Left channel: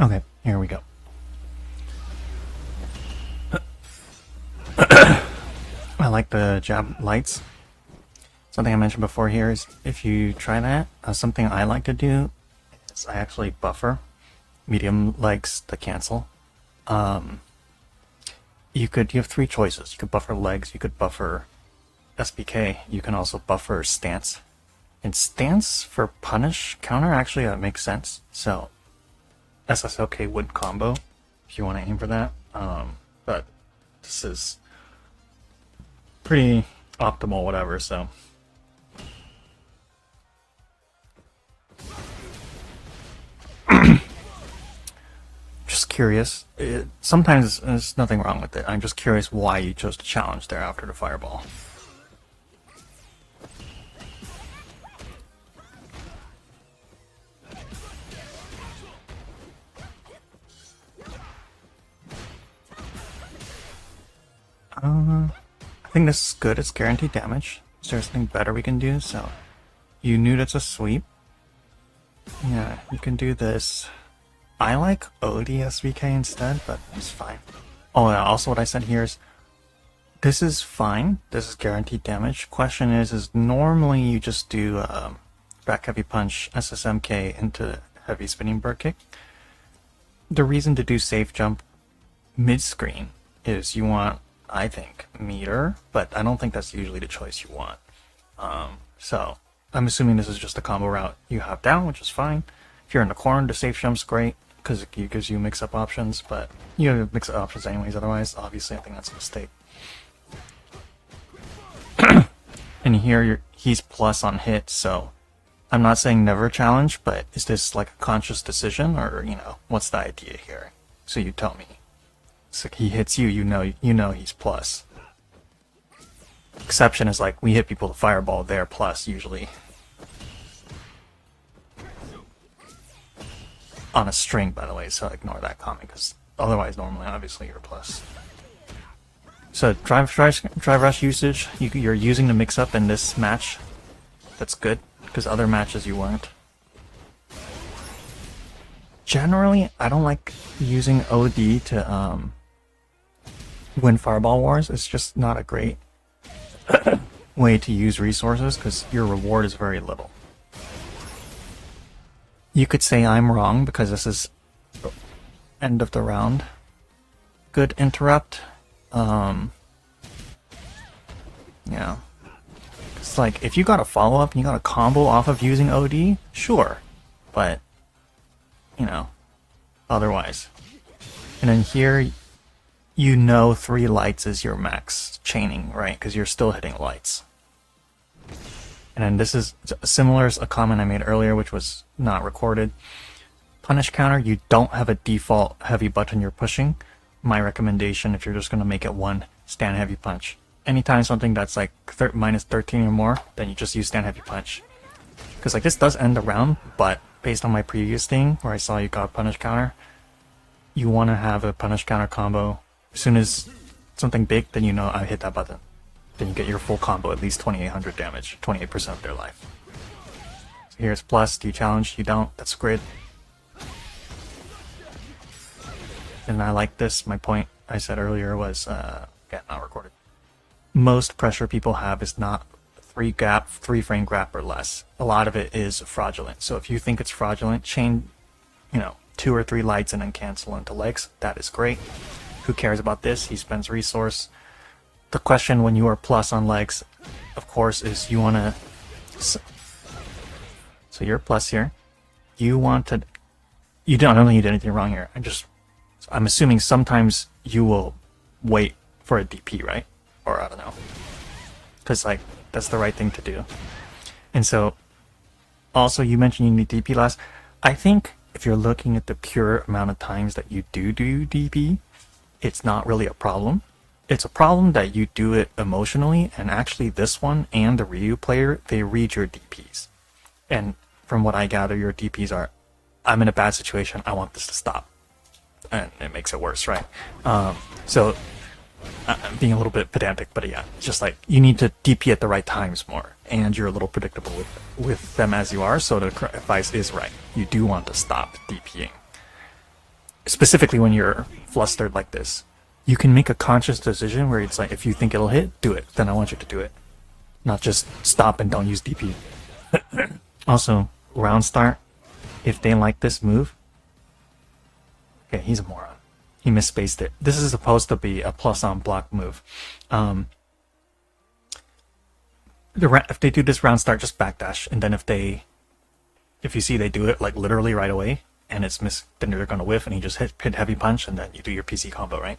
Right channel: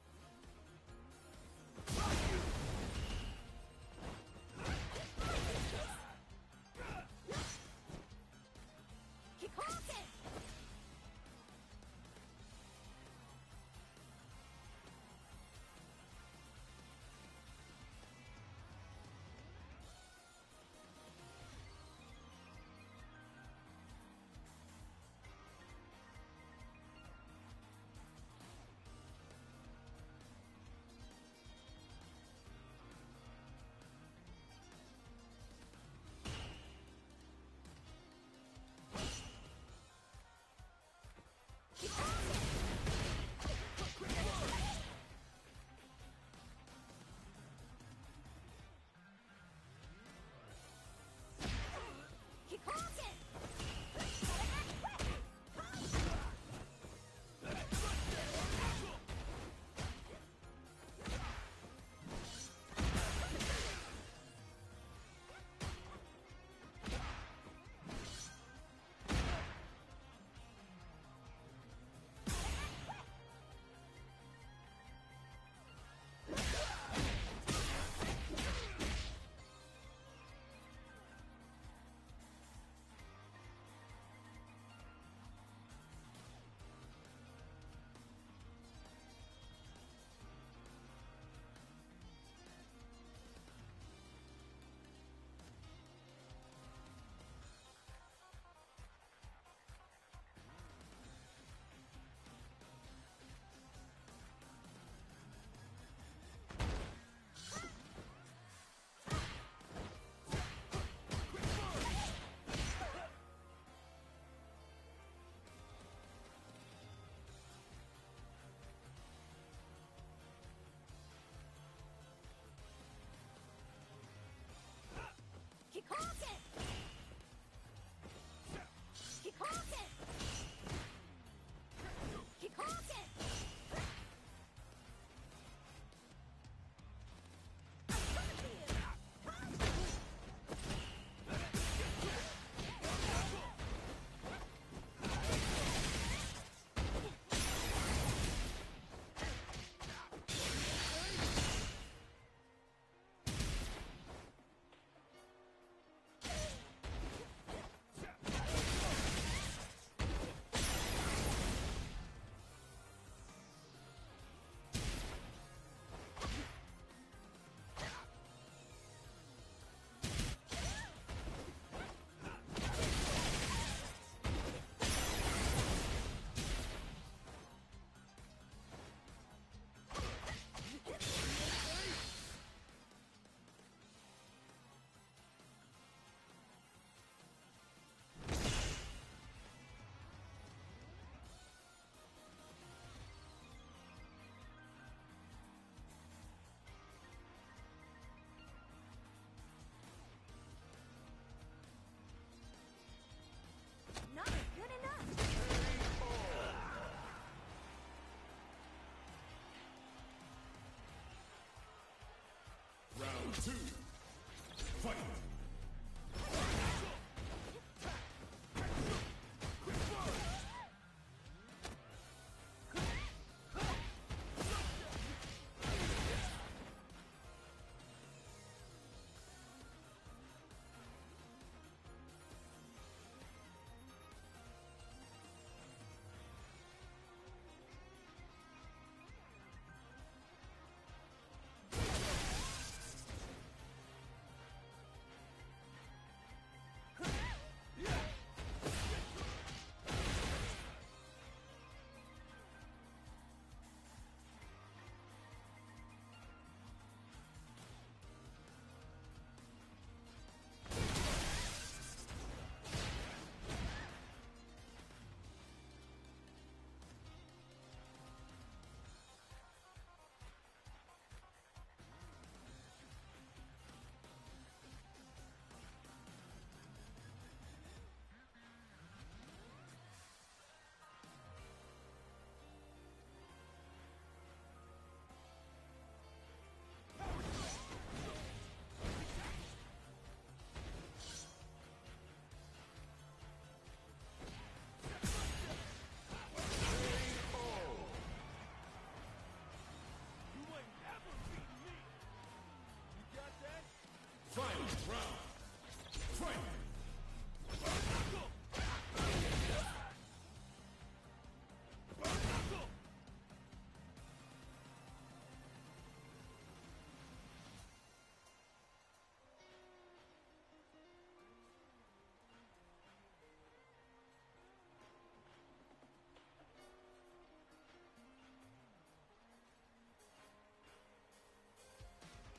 Okay, here we go. I like the jab lights. Something I mentioned before here is if you try that, something I like to do is I actually buffer medium legs to cancel. You have three choices. You could buffer legs, you could buffer SBK, you can also buffer stance. And stance for punish counter actually makes sense. So SSLK would combo if you want to aim for that. But this is pretty optimal, whatever. So just curious. Sometimes there's nothing wrong with it. I'm just curious why you chose to challenge there after the fireball. I think this is good. It's guaranteed damage. Is there something better we can do? So you knew that's a sweep. Yeah, you can do this. I like ODSVK instead, but it's fine. Oh yeah, also what I said here is this is fine. This is guaranteed damage. Question is normally you just do back heavy punch SSMK into heavy spinning bird kick. The reason to do safe jump mid screen is you want, I think, meter, but I don't think that's usually the choice you want. So I'm assuming this is just a combo route you have down, which is fine. If you're in the corner, the safe jump's great because it gives you mix-up options, but you have mix-up options anyways. Otherwise, obviously, I think that's a mistake. And here he's plus on hit, so I'm not saying never challenge, but is this like a conscious decision, or what's the idea here? So you tell me. So he hits you, you know he's plus. Exception is like we hit people with fireball, they're plus usually. On a string, by the way, so ignore that comment because otherwise, normally, obviously, you're plus. So drive rush usage, you're using the mix up in this match. That's good because other matches you weren't. Generally, I don't like using OD to win fireball wars. It's just not a great way to use resources because your reward is very little. You could say I'm wrong because this is the end of the round. Good interrupt. Yeah. It's like if you got a follow up and you got a combo off of using OD, sure. But otherwise. And then here you 3 lights is your max chaining, right? Because you're still hitting lights. And then this is similar as a comment I made earlier, which was not recorded. Punish counter, you don't have a default heavy button you're pushing. My recommendation, if you're just going to make it one, stand heavy punch. Anytime something that's like minus 13 or more, then you just use stand heavy punch. Because like this does end the round, but based on my previous thing where I saw you got punish counter, you want to have a punish counter combo. As soon as something big, then I hit that button. Then you get your full combo, at least 2800 damage, 28% of their life. So here's plus, do you challenge? You don't, that's great. And I like this, my point I said earlier was, yeah, not recorded. Most pressure people have is not 3 frame gap or less. A lot of it is fraudulent. So if you think it's fraudulent, chain, 2 or 3 lights and then cancel into legs. That is great. Who cares about this? He spends resource. The question when you are plus on legs, of course, is you want to... So you're plus here. You want to... I don't think you did anything wrong here. I'm assuming sometimes you will wait for a DP, right? Or I don't know. Because, like, that's the right thing to do. And so, also, you mentioned you need DP last. I think if you're looking at the pure amount of times that you do DP, it's not really a problem. It's a problem that you do it emotionally, and actually this one and the Ryu player, they read your DPs. And from what I gather, your DPs are, I'm in a bad situation, I want this to stop. And it makes it worse, right? So, I'm being a little bit pedantic, but yeah, it's just like, you need to DP at the right times more, and you're a little predictable with them as you are, so the advice is right. You do want to stop DPing. specifically when you're flustered like this, you can make a conscious decision where it's like, if you think it'll hit, do it. Then I want you to do it. Not just stop and don't use DP. Also, round start, if they like this move, okay, he's a moron. He misspaced it. This is supposed to be a plus on block move. If they do this round start, just backdash, and then if you see they do it like literally right away, and it's then they're gonna whiff, and he just hit heavy punch, and then you do your PC combo, right?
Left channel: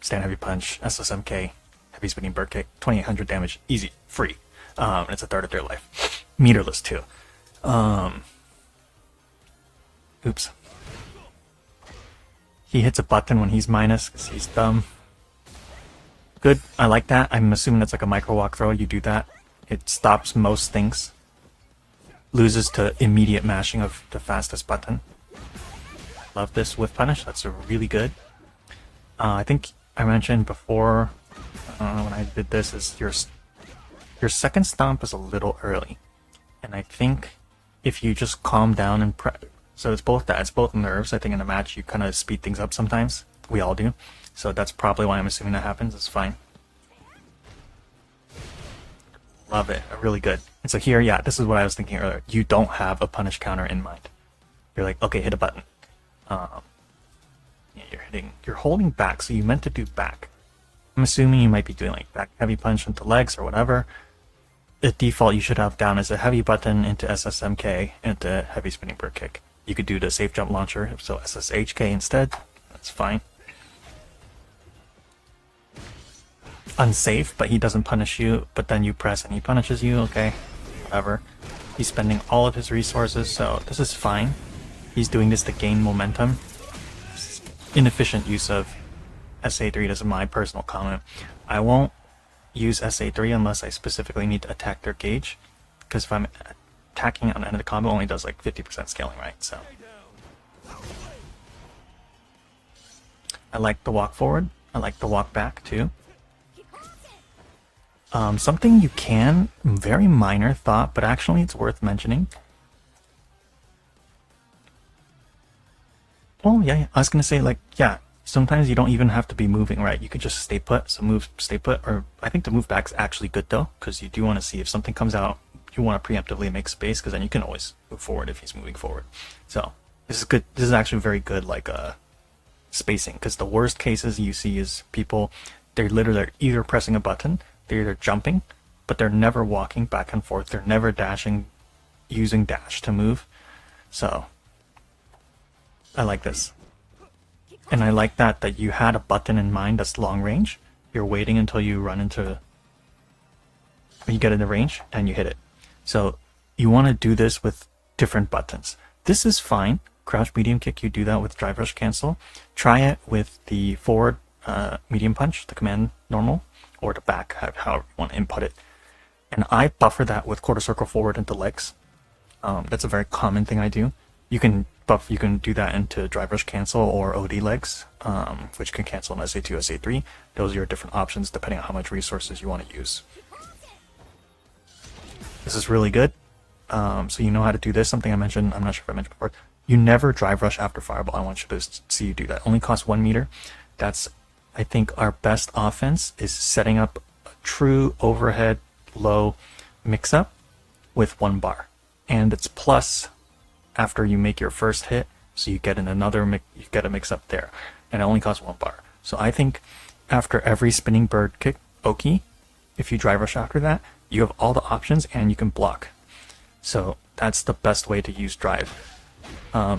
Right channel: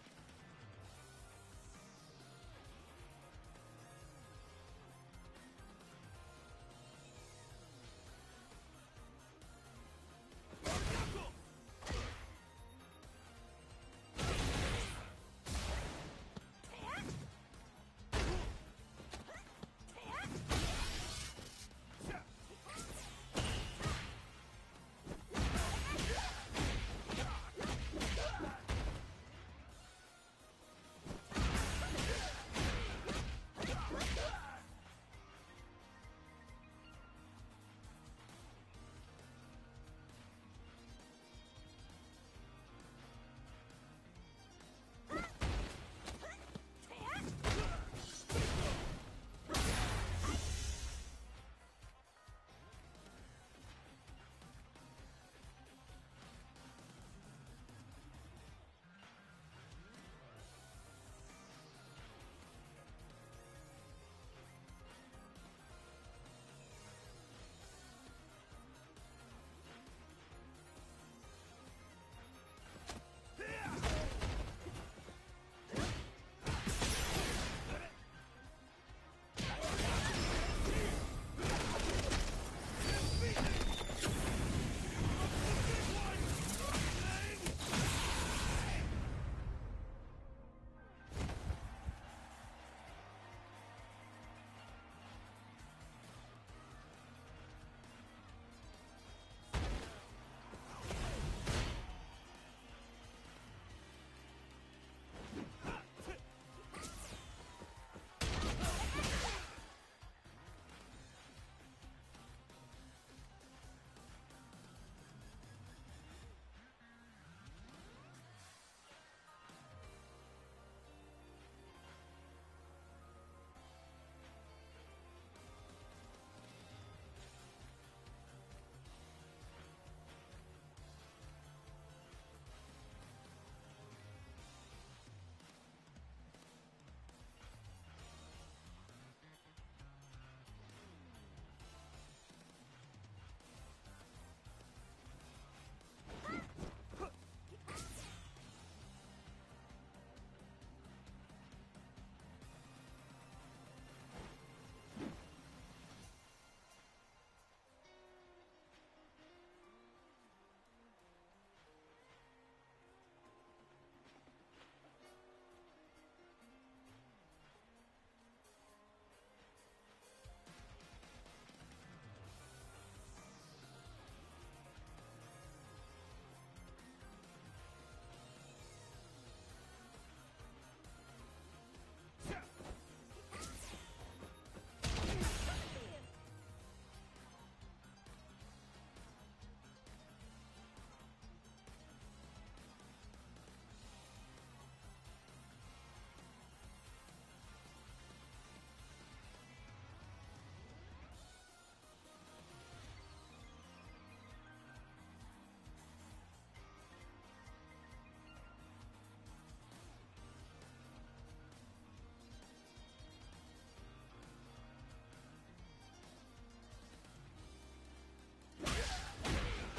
Stand heavy punch, SSMK, heavy spinning bird kick, 2800 damage, easy, free. It's a third of their life, meterless too. Oops. He hits a button when he's minus because he's dumb. Good, I like that. I'm assuming that's like a micro walk throw. You do that, it stops most things. Loses to immediate mashing of the fastest button. Love this whiff punish. That's really good. I think I mentioned before when I did this is your second stomp is a little early, and I think if you just calm down and so it's both that, it's both nerves. I think in a match you kind of speed things up sometimes. We all do. So that's probably why I'm assuming that happens. It's fine. Love it. Really good. And so here, yeah, this is what I was thinking earlier. You don't have a punish counter in mind. You're like, okay, hit a button. Yeah, you're holding back, so you meant to do back. I'm assuming you might be doing like back heavy punch into legs or whatever. The default you should have down is a heavy button into SSMK into heavy spinning bird kick. You could do the safe jump launcher, so SSHK instead. That's fine. Unsafe, but he doesn't punish you, but then you press and he punishes you, okay, whatever. He's spending all of his resources, so this is fine. He's doing this to gain momentum. Inefficient use of SA3, this is my personal comment. I won't use SA3 unless I specifically need to attack their gauge, because if I'm attacking on the end of the combo, it only does like 50% scaling, right? So I like the walk forward. I like the walk back too. Something you can, very minor thought, but actually it's worth mentioning. Oh yeah, I was gonna say, like, yeah, sometimes you don't even have to be moving, right? You could just stay put, so move, stay put, or I think the move back's actually good though, because you do want to see if something comes out, you want to preemptively make space, because then you can always move forward if he's moving forward. So this is good. This is actually very good, like spacing, because the worst cases you see is people, they're literally either pressing a button, they're either jumping, but they're never walking back and forth. They're never dashing, using dash to move. So I like this. And I like that you had a button in mind that's long range. You're waiting until you run into, you get in the range and you hit it. So you want to do this with different buttons. This is fine. Crouch medium kick, you do that with drive rush cancel. Try it with the forward medium punch, the command normal, or the back, however you want to input it. And I buffer that with quarter circle forward into legs. That's a very common thing I do. You can do that into drive rush cancel or OD legs, which can cancel in SA2, SA3. Those are your different options depending on how much resources you want to use. This is really good. So you know how to do this. Something I mentioned, I'm not sure if I mentioned before. You never drive rush after fireball. I want you to see you do that. Only costs 1 meter. That's, I think, our best offense is setting up a true overhead low mix up with 1 bar. And it's plus after you make your first hit, so you get in another you get a mix up there, and it only costs 1 bar. So I think after every spinning bird kick Oki, if you drive rush after that, you have all the options and you can block. So that's the best way to use drive. I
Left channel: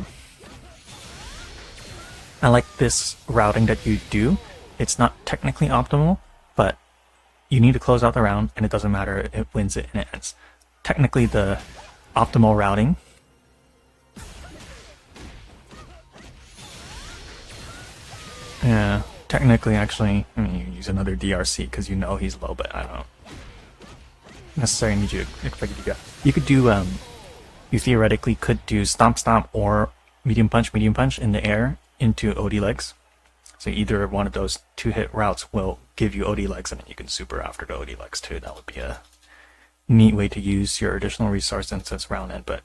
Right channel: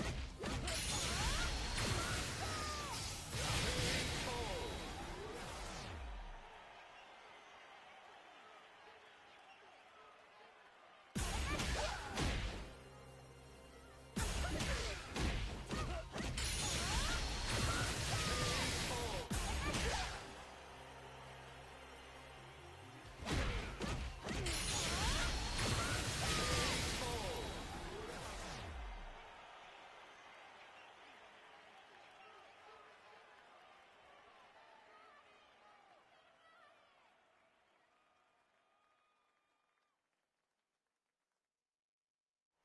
like this routing that you do. It's not technically optimal, but you need to close out the round, and it doesn't matter, it wins it and it ends. Technically the optimal routing yeah, technically, actually, I mean, you use another DRC because you know he's low, but I don't necessarily need you to expect you to go. You could do, you theoretically could do stomp stomp or medium punch in the air into OD legs. So either one of those 2-hit routes will give you OD legs, and then you can super after the OD legs too. That would be a neat way to use your additional resource since it's round end, but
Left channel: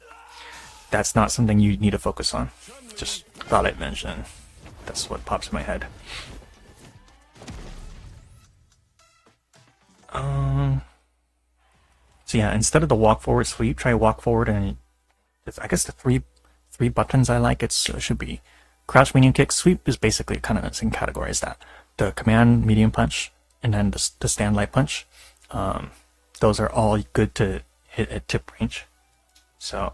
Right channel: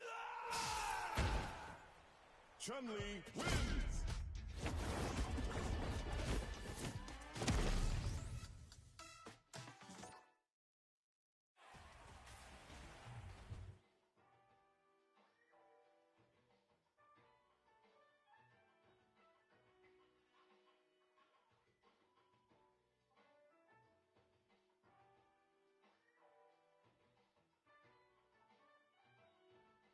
that's not something you need to focus on. Just thought I'd mention. That's what pops in my head. So yeah, instead of the walk forward sweep, try walk forward, and I guess the three buttons I like, it should be crouch, medium kick. Sweep is basically kind of the same category as that. The command, medium punch, and then the stand light punch. Those are all good to hit at tip range. So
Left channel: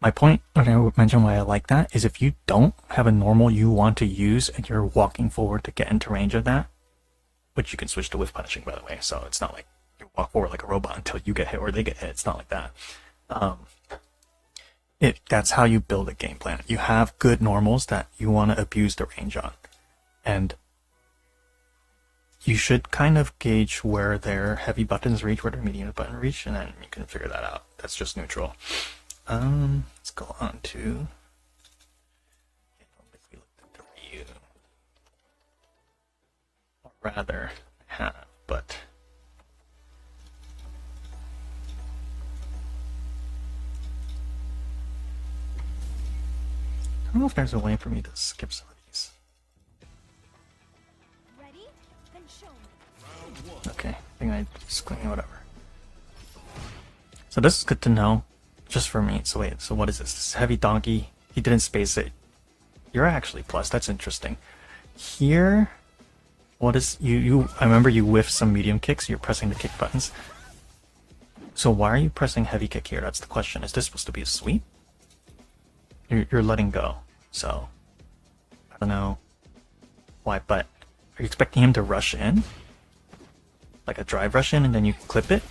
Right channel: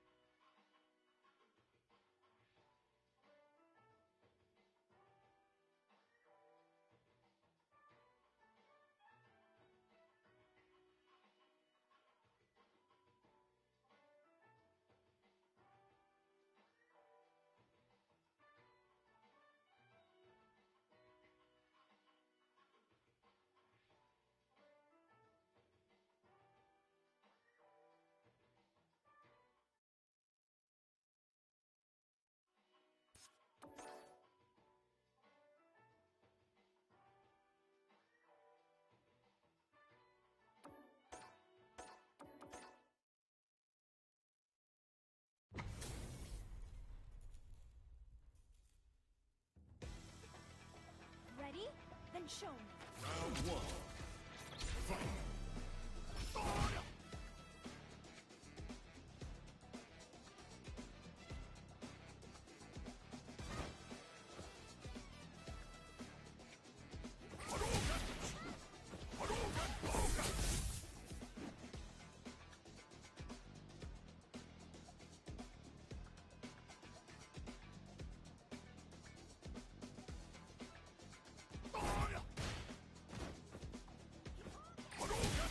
my point, and I would mention why I like that, is if you don't have a normal you want to use and you're walking forward to get into range of that, which you can switch to whiff punishing, by the way, so it's not like you walk forward like a robot until you get hit or they get hit. It's not like that. That's how you build a game plan. You have good normals that you want to abuse the range on, and you should kind of gauge where their heavy buttons reach, where their medium button reach, and then you can figure that out. That's just neutral. Let's go on to W, or rather have, but I don't know if there's a way for me to skip some of these. Ready? Then show me. Okay, I think I just whatever. So this is good to know, just for me. So wait, so what is this? This is heavy donkey. He didn't space it. You're actually plus. That's interesting. Here, what is you? I remember you whiff some medium kicks. You're pressing the kick buttons. So why are you pressing heavy kick here? That's the question. Is this supposed to be a sweep? You're letting go. So I don't know why, but are you expecting him to rush in? Like a drive rush in and then you clip it?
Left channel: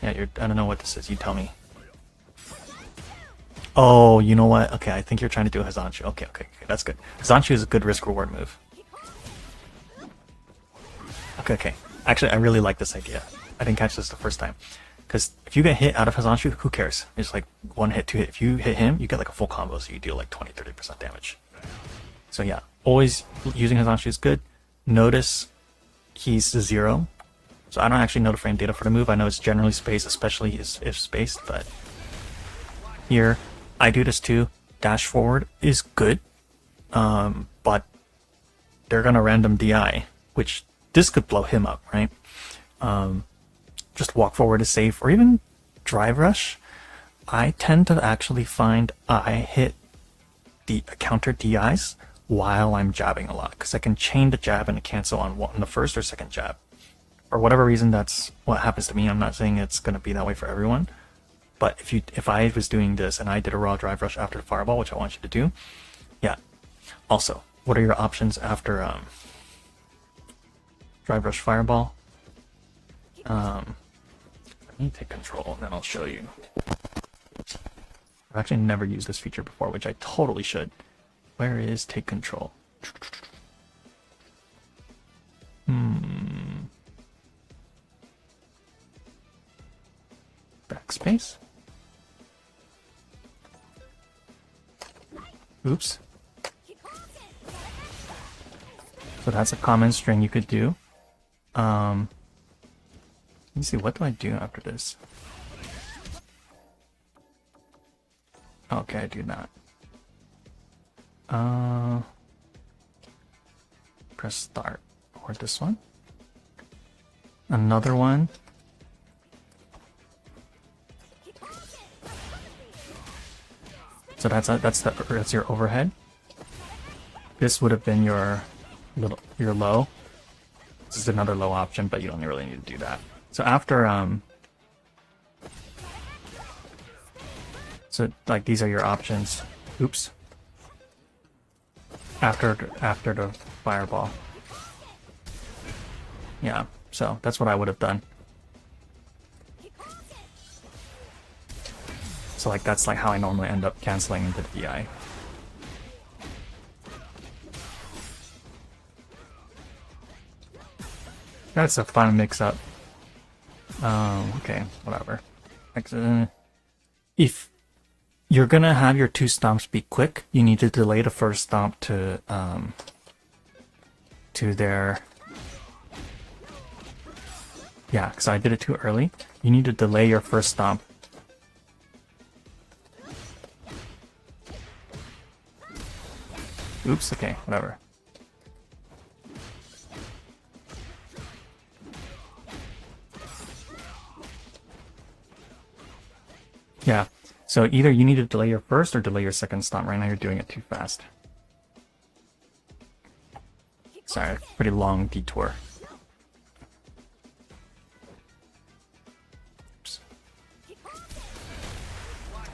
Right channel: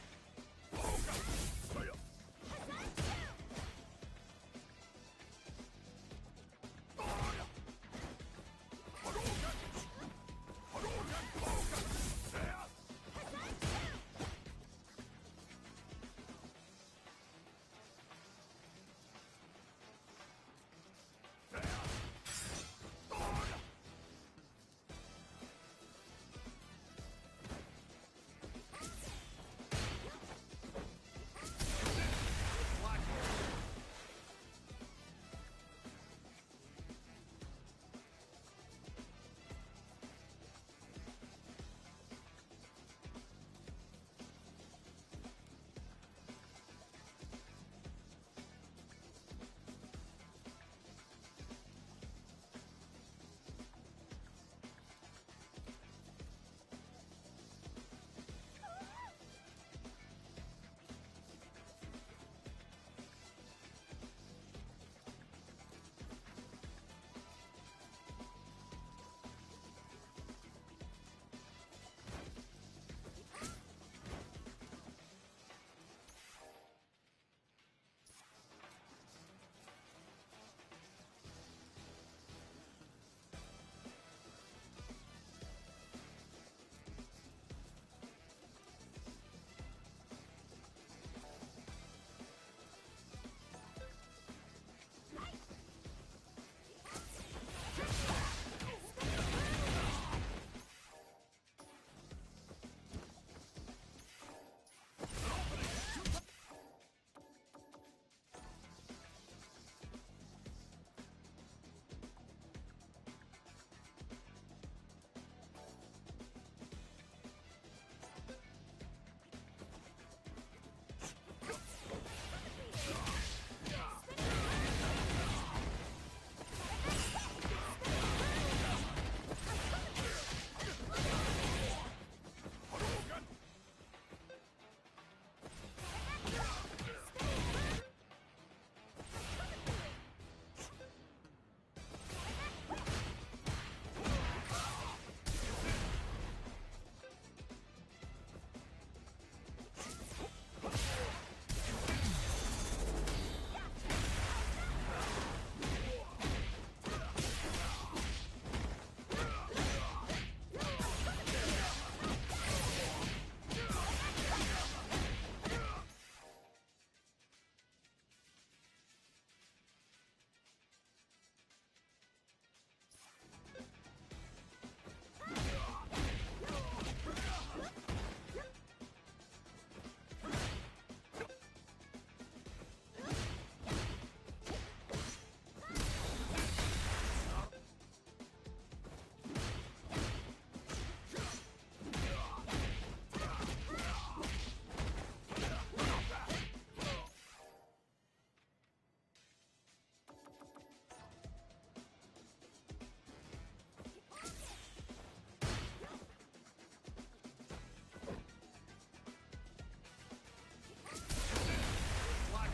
Yeah, I don't know what this is, you tell me. Oh, you know what? Okay, I think you're trying to do a Hazanshu. Okay, that's good. Hazanshu is a good risk reward move. Okay. Actually, I really like this idea. I didn't catch this the first time. Because if you get hit out of Hazanshu, who cares? It's like 1 hit, 2 hit. If you hit him, you get like a full combo, so you deal like 20-30% damage. So yeah, always using Hazanshu is good. Notice he's 0. So I don't actually know the frame data for the move. I know it's generally spaced, especially if spaced, but here, I do this too. Dash forward is good, but they're gonna random DI, which this could blow him up, right? Just walk forward is safe, or even drive rush. I tend to actually find I hit the counter DIs while I'm jabbing a lot, because I can chain the jab and cancel on the first or second jab. For whatever reason, that's what happens to me. I'm not saying it's going to be that way for everyone, but if I was doing this and I did a raw drive rush after the fireball, which I want you to do, yeah. Also, what are your options after drive rush fireball? Let me take control and then I'll show you. I've actually never used this feature before, which I totally should. Where is take control? Backspace? Oops. So that's a common string you could do. Let me see, what do I do after this? Okay, I do that. Press start. Or this one. Another one. So that's your overhead. This would have been your low. This is another low option, but you don't really need to do that. So after so like these are your options. Oops. After the fireball. Yeah, so that's what I would have done. So like that's like how I normally end up canceling into the DI. That's a fun mix-up. Okay, whatever. If you're gonna have your 2 stomps be quick, you need to delay the first stomp to their... Yeah, because I did it too early. You need to delay your first stomp. Oops, okay, whatever. Yeah, so either you need to delay your first or delay your second stun. Right now you're doing it too fast. Sorry, pretty long detour. Oops.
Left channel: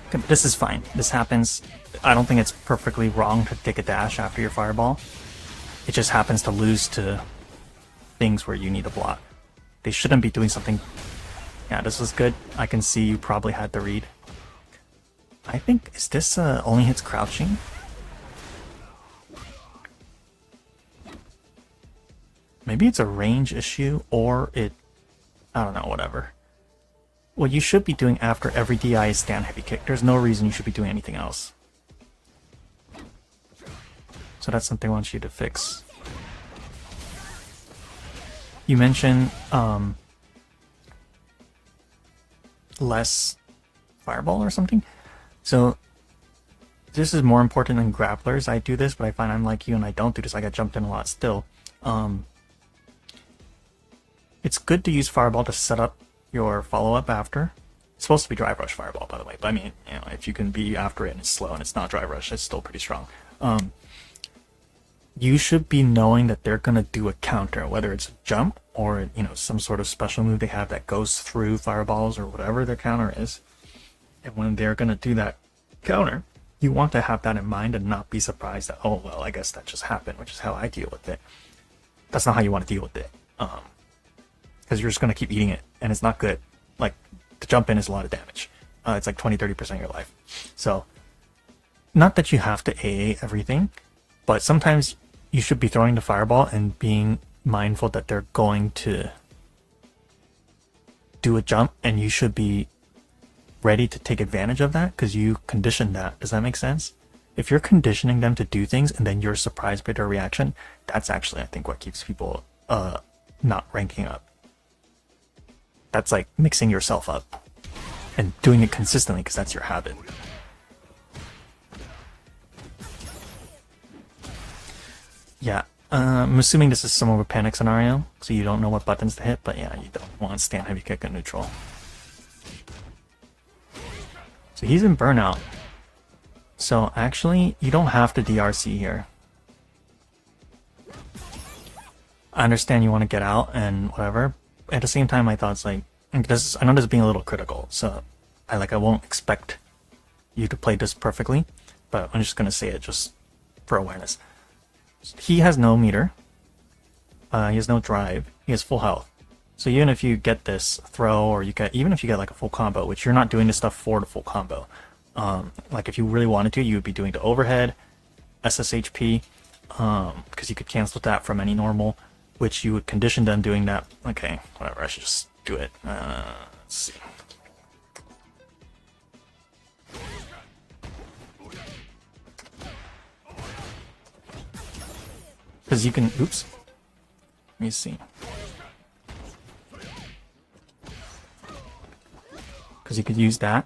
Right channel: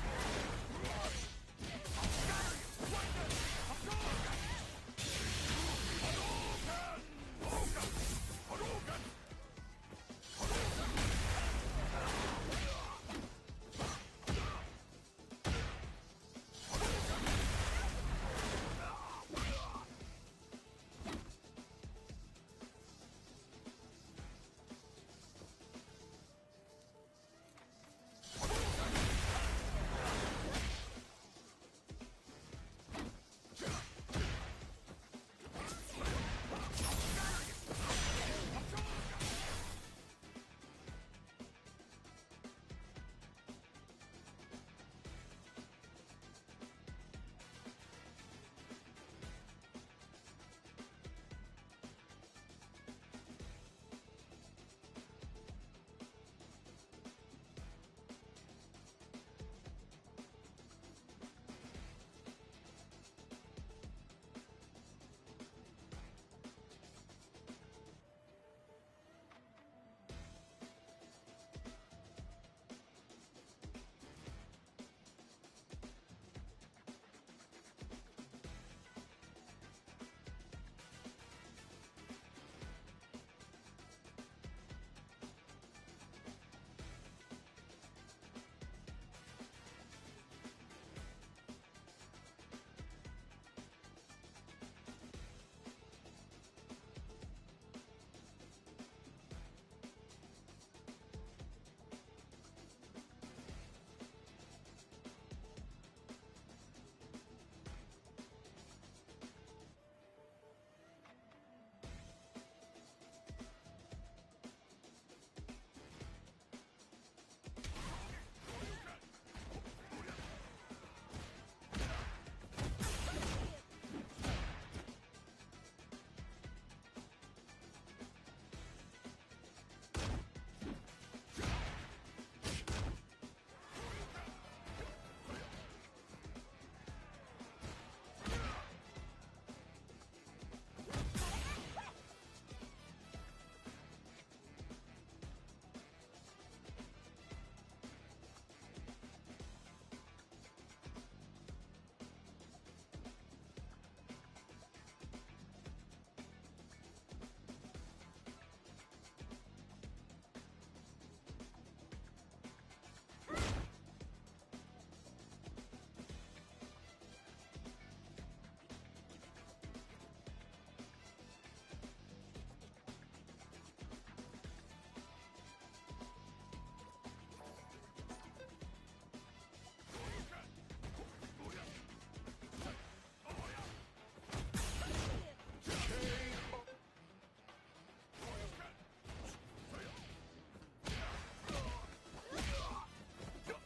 Okay, this is fine. This happens. I don't think it's perfectly wrong to take a dash after your fireball. It just happens to lose to things where you need a block. They shouldn't be doing something. Yeah, this was good. I can see you probably had the read. I think, is this only hits crouching? Maybe it's a range issue, or it... I don't know, whatever. What you should be doing after every DI is stand heavy kick. There's no reason you should be doing anything else. So that's something I want you to fix. You mentioned less fireball or something. So this is more important than grapplers. I do this, but I find I'm like you and I don't do this. I get jumped in a lot still. It's good to use fireball to set up your follow-up after. It's supposed to be drive rush fireball, by the way, but I mean, you know, if you can be after it and it's slow and it's not drive rush, it's still pretty strong. You should be knowing that they're gonna do a counter, whether it's a jump or, you know, some sort of special move they have that goes through fireballs or whatever their counter is. And when they're gonna do that counter, you want to have that in mind and not be surprised that, oh well, I guess that just happened, which is how I deal with it. That's not how you want to deal with it, because you're just gonna keep eating it, and it's not good. Like, to jump in is a lot of damage. It's like 20-30% of your life. So, not that you have to AA everything, but sometimes you should be throwing the fireball and being mindful that they're going to do a jump, and you should be ready to take advantage of that because you conditioned that. Does that make sense? If you're conditioning them to do things and then you're surprised by their reaction, that's actually, I think, what keeps people not ranking up. That's like mixing yourself up and doing it consistently because that's your habit. Yeah, I'm assuming this is some of a panic scenario, so you don't know what buttons to hit, but yeah, you don't want to stand heavy kick and neutral. So he's in burnout. So actually, you don't have to DRC here. I understand you want to get out and whatever. At the same time, my thoughts like, I know this is being a little critical, so I won't expect you to play this perfectly, but I'm just gonna say it just for awareness. He has no meter. He has no drive. He has full health. So even if you get this throw, or even if you get like a full combo, which you're not doing this stuff for the full combo. Like if you really wanted to, you would be doing the overhead, SSHP, because you could cancel that from any normal, which you would condition them doing that. Okay, whatever, I should just do it. Let's see. Because you can, oops. Let me see. Because you could use that.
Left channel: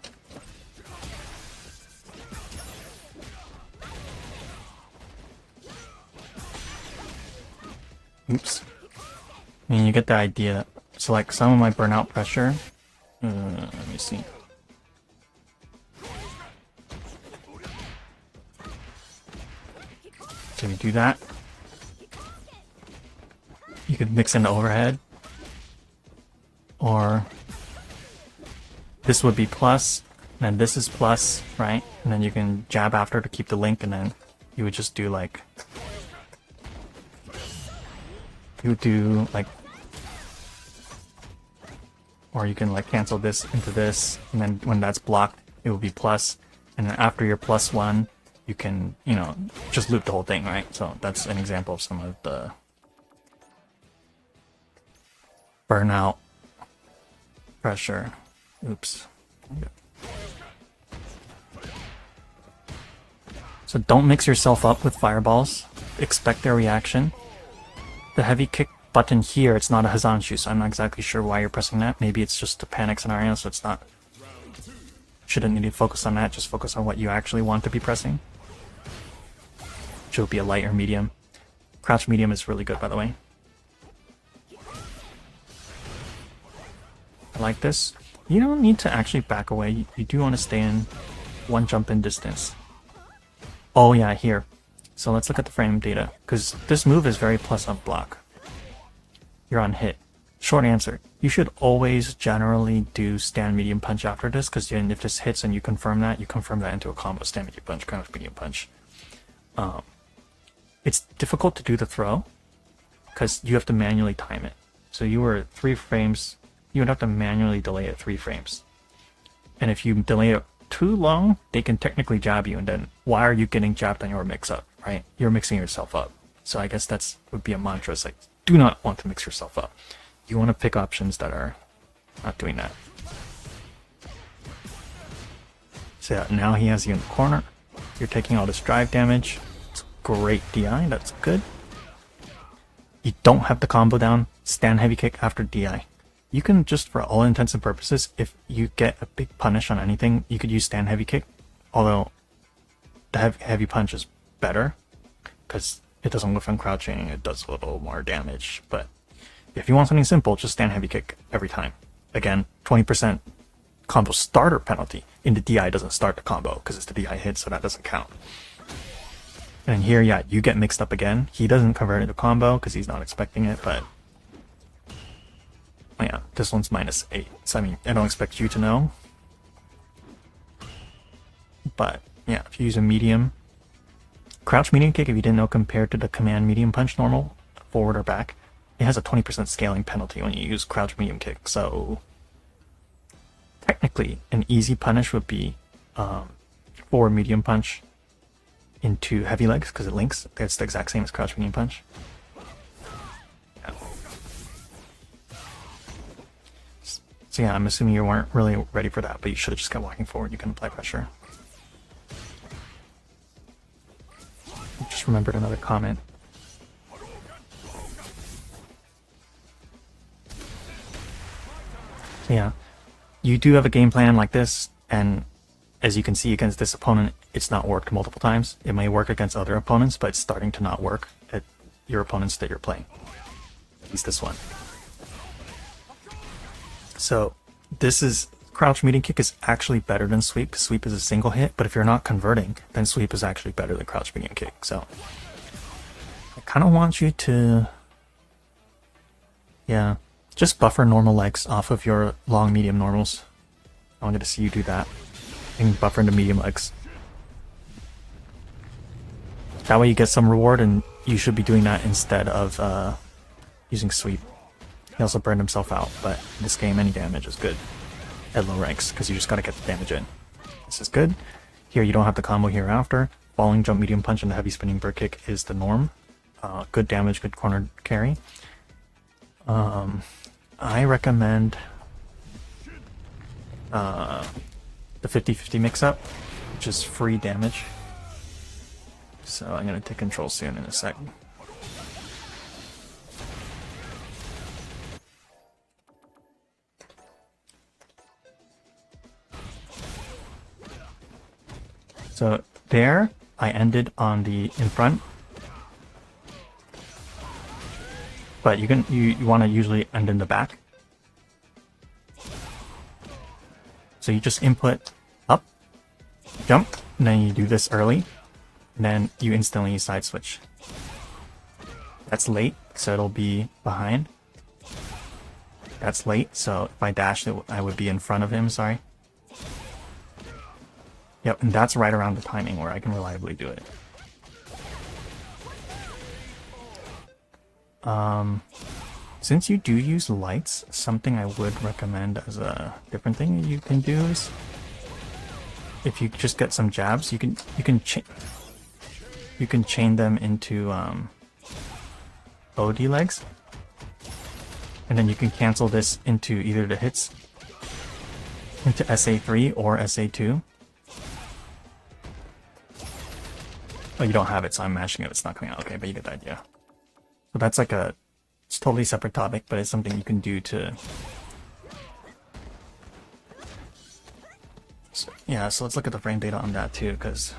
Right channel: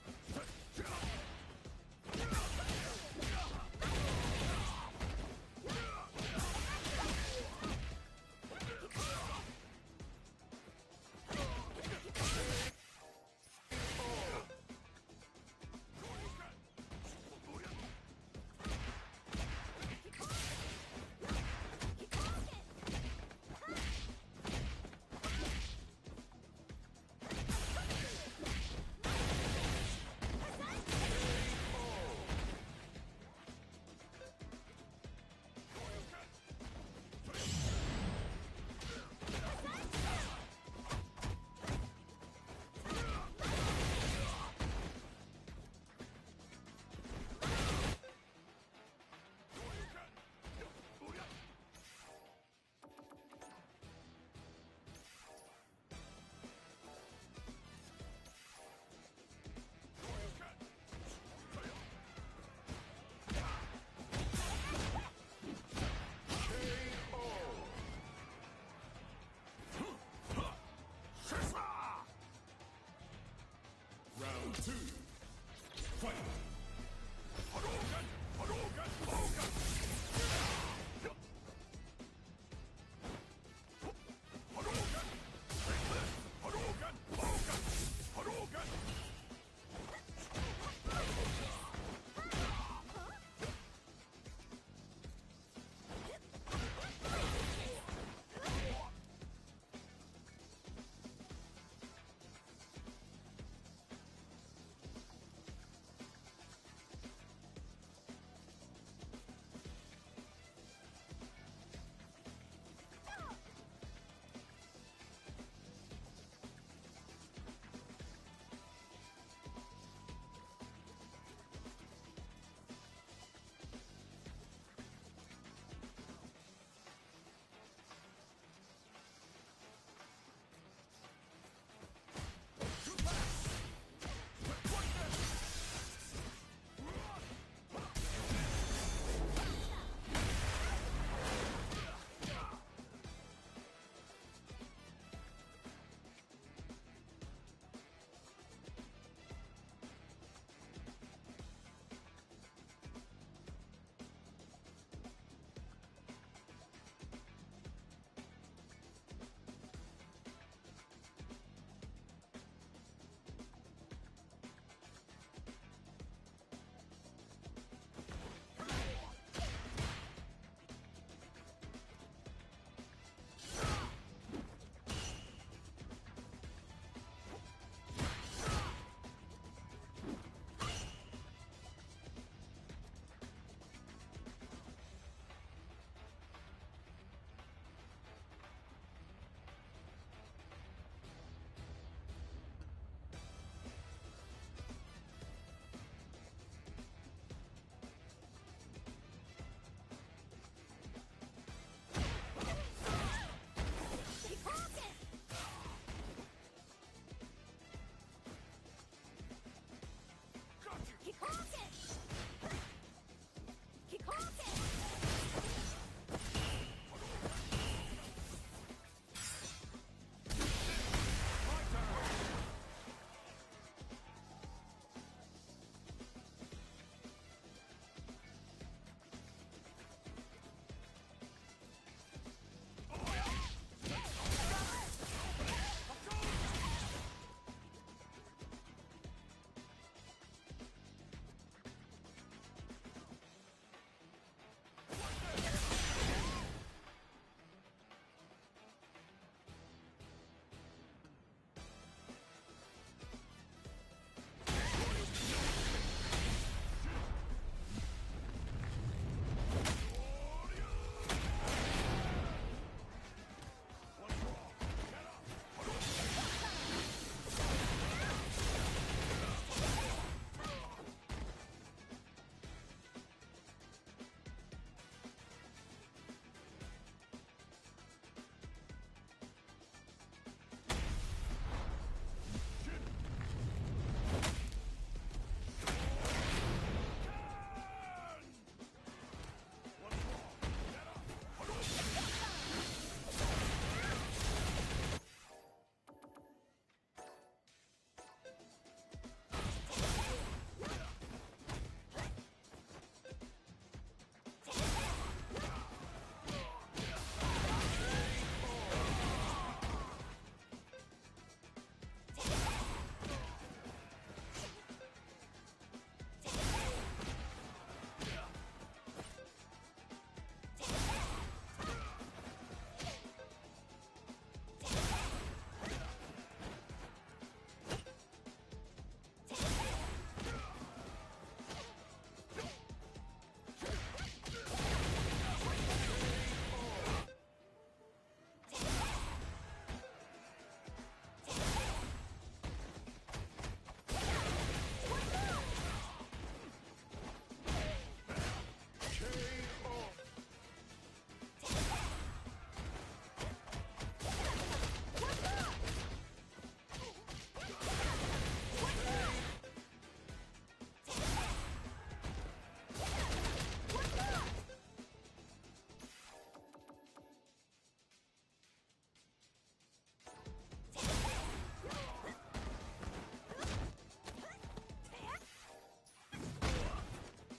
Oops. I mean, you get the idea. So like some of my burnout pressure. Let me see. So you do that. You could mix in the overhead. Or this would be plus, and this is plus, right? And then you can jab after to keep the link, and then you would just do like, you would do like, or you can like cancel this into this, and then when that's blocked, it will be plus, and then after your plus one, you can, you know, just loop the whole thing, right? So that's an example of some of the burnout pressure. Oops. So don't mix yourself up with fireballs. Expect their reaction. The heavy kick button here, it's not a Hazanshu, so I'm not exactly sure why you're pressing that. Maybe it's just a panic scenario, so it's not... Shouldn't need to focus on that, just focus on what you actually want to be pressing. which will be a light or medium. Crouch medium is really good, by the way. I like this. You don't need to actually back away. You do want to stay in one jump in distance. Oh yeah, here. So let's look at the frame data, because this move is very plus up block. You're on hit. Short answer, you should always generally do stand medium punch after this, because if this hits and you confirm that into a combo stand medium punch, crouch medium punch. It's difficult to do the throw, because you have to manually time it. So you were 3 frames, you would have to manually delay it 3 frames. And if you delay it too long, they can technically jab you, and then why are you getting jabbed on your mix-up, right? You're mixing yourself up. So I guess that's would be a mantra. It's like, do not want to mix yourself up. You want to pick options that are not doing that. So yeah, now he has you in the corner. You're taking all this drive damage. It's great DI, that's good. You don't have the combo down. Stand heavy kick after DI. You can just, for all intents and purposes, if you get a big punish on anything, you could use stand heavy kick. Although the heavy punch is better because it doesn't whiff on crouching. It does a little more damage, but if you want something simple, just stand heavy kick every time. Again, 20% combo starter penalty. In the DI doesn't start the combo because it's the DI hit, so that doesn't count. And here, yeah, you get mixed up again. He doesn't convert it to combo because he's not expecting it, but oh yeah, this one's -8. So I mean, I don't expect you to know. But yeah, if you use a medium, crouch medium kick, if you didn't know, compared to the command medium punch normal, forward or back, it has a 20% scaling penalty when you use crouch medium kick. So technically, an easy punish would be forward medium punch into heavy legs because it links. It's the exact same as crouch medium punch. So yeah, I'm assuming you weren't really ready for that, but you should have just kept walking forward. You can apply pressure. Just remembered another comment. Yeah, you do have a game plan like this, and as you can see against this opponent, it's not worked multiple times. It may work against other opponents, but it's starting to not work at your opponents that you're playing. At least this one. So this is crouch medium kick is actually better than sweep. Sweep is a single hit, but if you're not converting, then sweep is actually better than crouch medium kick. So I kind of want you to, yeah, just buffer normal legs off of your long medium normals. I wanted to see you do that and buffer into medium legs. That way you get some reward, and you should be doing that instead of using sweep. He also burned himself out, but in this game any damage is good at low ranks because you just gotta get the damage in. This is good. Here you don't have the combo here after. Falling jump medium punch and the heavy spinning bird kick is the norm. Good damage, good corner carry. I recommend the 50-50 mix-up, which is free damage. So I'm gonna take control soon in a sec. So there, I ended on the in front. But you want to usually end in the back. So you just input up, jump, and then you do this early, and then you instantly side switch. That's late, so it'll be behind. That's late, so if I dashed it, I would be in front of him, sorry. Yep, and that's right around the timing where I can reliably do it. Since you do use lights, something I would recommend as a different thing you can do is, if you just get some jabs, you can chain them into OD legs, and then you can cancel this into either the hits into SA3 or SA2. Oh, you don't have it, so I'm mashing it. It's not coming out. Okay, but you get the idea. So that's like it's totally separate topic, but it's something you can do to. So, yeah, so let's look at the frame data on that too, because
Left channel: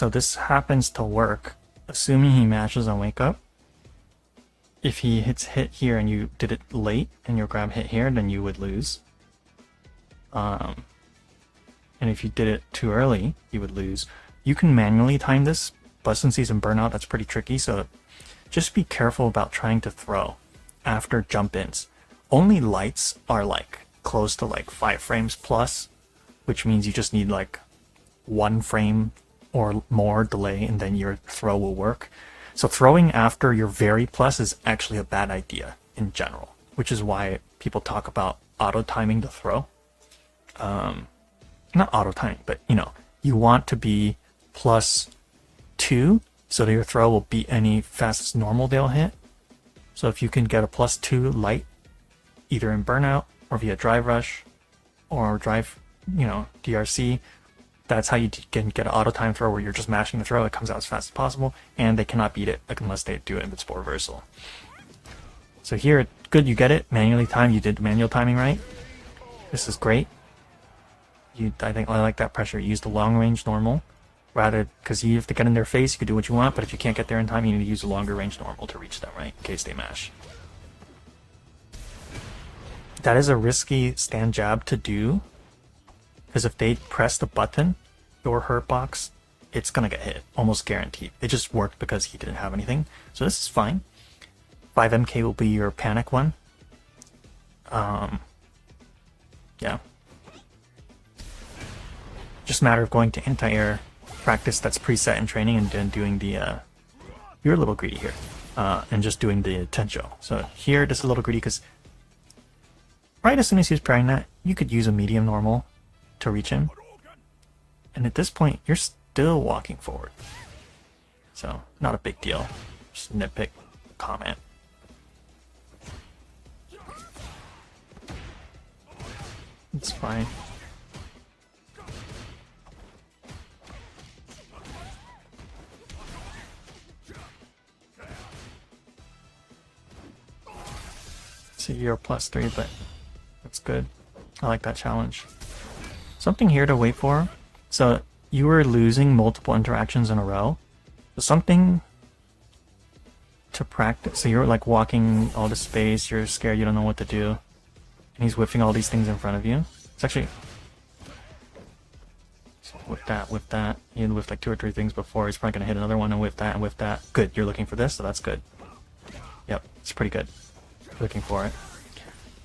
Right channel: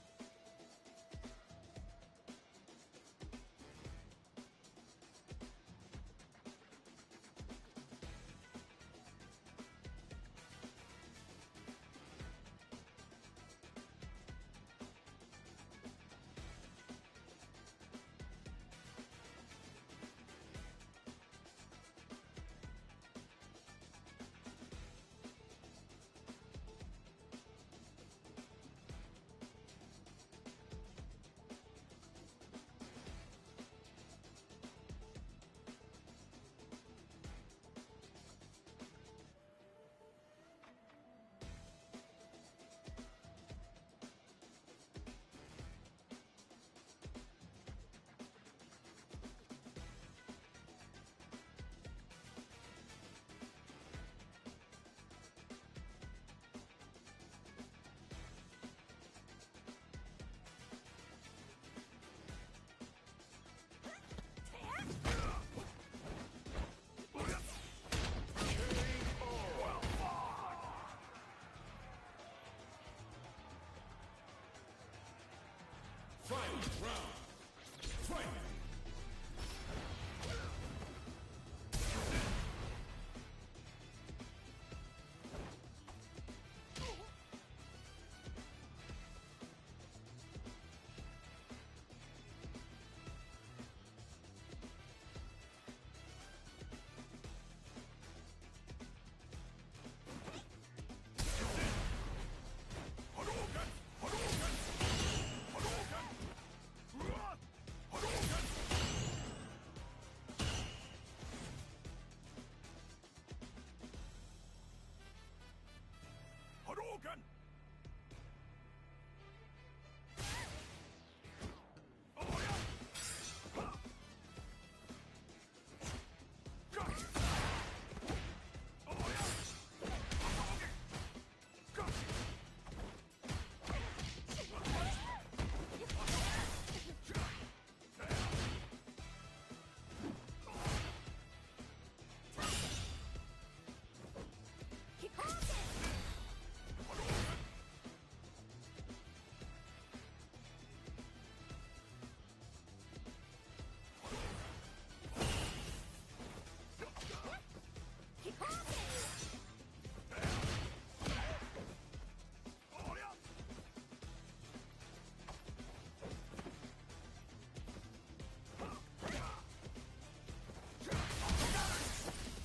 So this happens to work, assuming he mashes on wake up. If he hits hit here and you did it late and your grab hit here, then you would lose. And if you did it too early, you would lose. You can manually time this, but since he's in burnout, that's pretty tricky, so just be careful about trying to throw after jump ins. Only lights are like close to like 5 frames plus, which means you just need like 1 frame or more delay and then your throw will work. So throwing after your very plus is actually a bad idea in general, which is why people talk about auto timing the throw. Not auto timing, but you know, you want to be +2 so that your throw will beat any fastest normal they'll hit. So if you can get a +2 light, either in burnout or via drive rush or drive, you know, DRC, that's how you can get an auto time throw where you're just mashing the throw. It comes out as fast as possible, and they cannot beat it unless they do it in sport reversal. So here, good, you get it. Manually timed, you did the manual timing right. This is great. I think I like that pressure. You use the long range normal, rather, because you have to get in their face, you can do what you want, but if you can't get there in time, you need to use a longer range normal to reach them, right, in case they mash. That is a risky stand jab to do, because if they press the button, your hurt box, it's gonna get hit, almost guaranteed. It just worked because he didn't have anything, so this is fine. 5MK will be your panic one. Yeah. Just a matter of going to anti-air practice that's preset in training and then doing the you're a little greedy here, and just doing the tencho. So here this is a little greedy because right as soon as he's parrying that, you could use a medium normal to reach him, and at this point you're still walking forward, so not a big deal. Just a nitpick comment. It's fine. So you're +3, but that's good. I like that challenge. Something here to wait for. So you were losing multiple interactions in a row. So something to practice. So you're like walking all the space, you're scared, you don't know what to do. And he's whiffing all these things in front of you. It's actually... Whip that. He had whiffed like 2 or 3 things before. He's probably going to hit another one and whip that and whip that. Good, you're looking for this, so that's good. Yep, it's pretty good. Looking for it.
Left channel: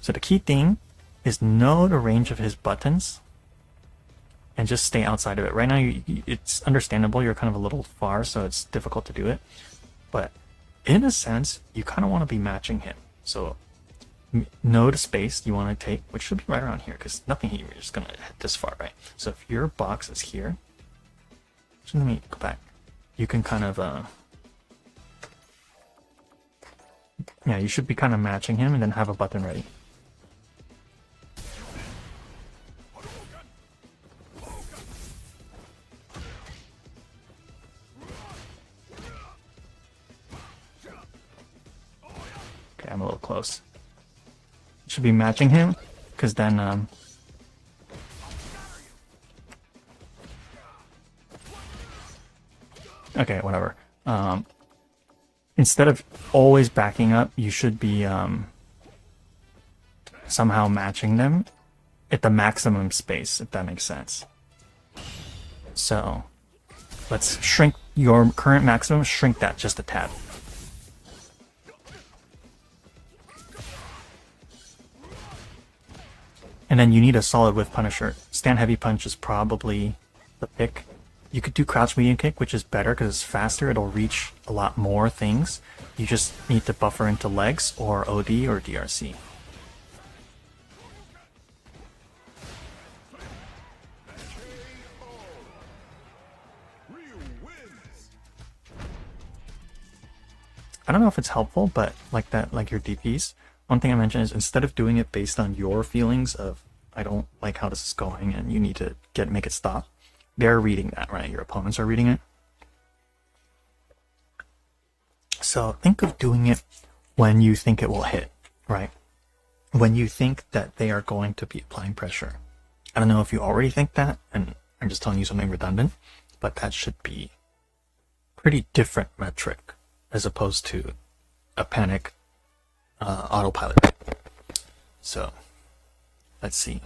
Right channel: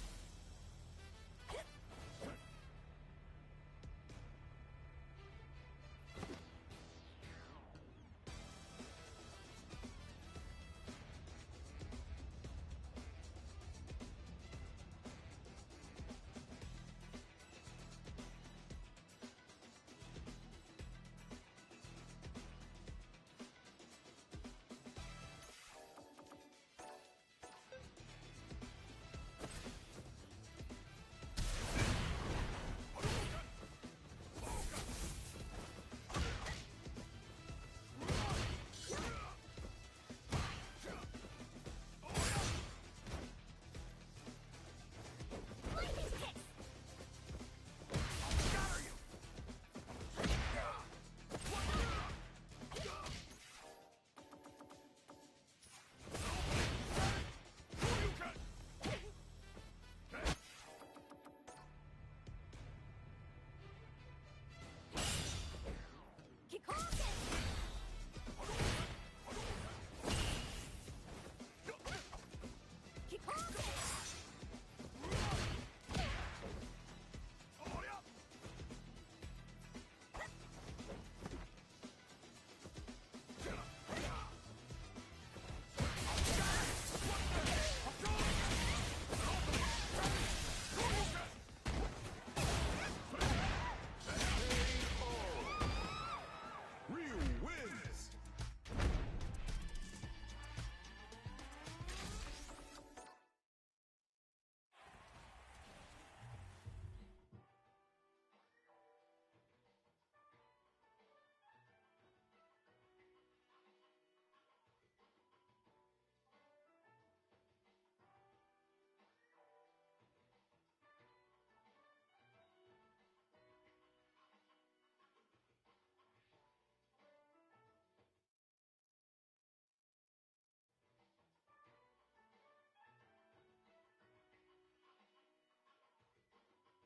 So the key thing is know the range of his buttons and just stay outside of it. Right now, it's understandable. You're kind of a little far, so it's difficult to do it. But in a sense, you kind of want to be matching him. So know the space you want to take, which should be right around here, because nothing here is going to hit this far, right? So if your box is here, so let me go back. You can kind of, yeah, you should be kind of matching him and then have a button ready. Okay, I'm a little close. Should be matching him, because then, okay, whatever. Instead of always backing up, you should be somehow matching them at the maximum space, if that makes sense. So let's shrink your current maximum, shrink that just a tad. And then you need a solid whiff punisher. Stand heavy punch is probably the pick. You could do crouch medium kick, which is better because it's faster. It'll reach a lot more things. You just need to buffer into legs or OD or DRC. I don't know if it's helpful, but like that, like your DPs. One thing I mentioned is instead of doing it based on your feelings of I don't like how this is going and you need to make it stop, they're reading that, right? Your opponents are reading it. So think of doing it when you think it will hit, right? When you think that they are going to be applying pressure. I don't know if you already think that, and I'm just telling you something redundant, but that should be pretty different metric as opposed to a panic autopilot. So let's see.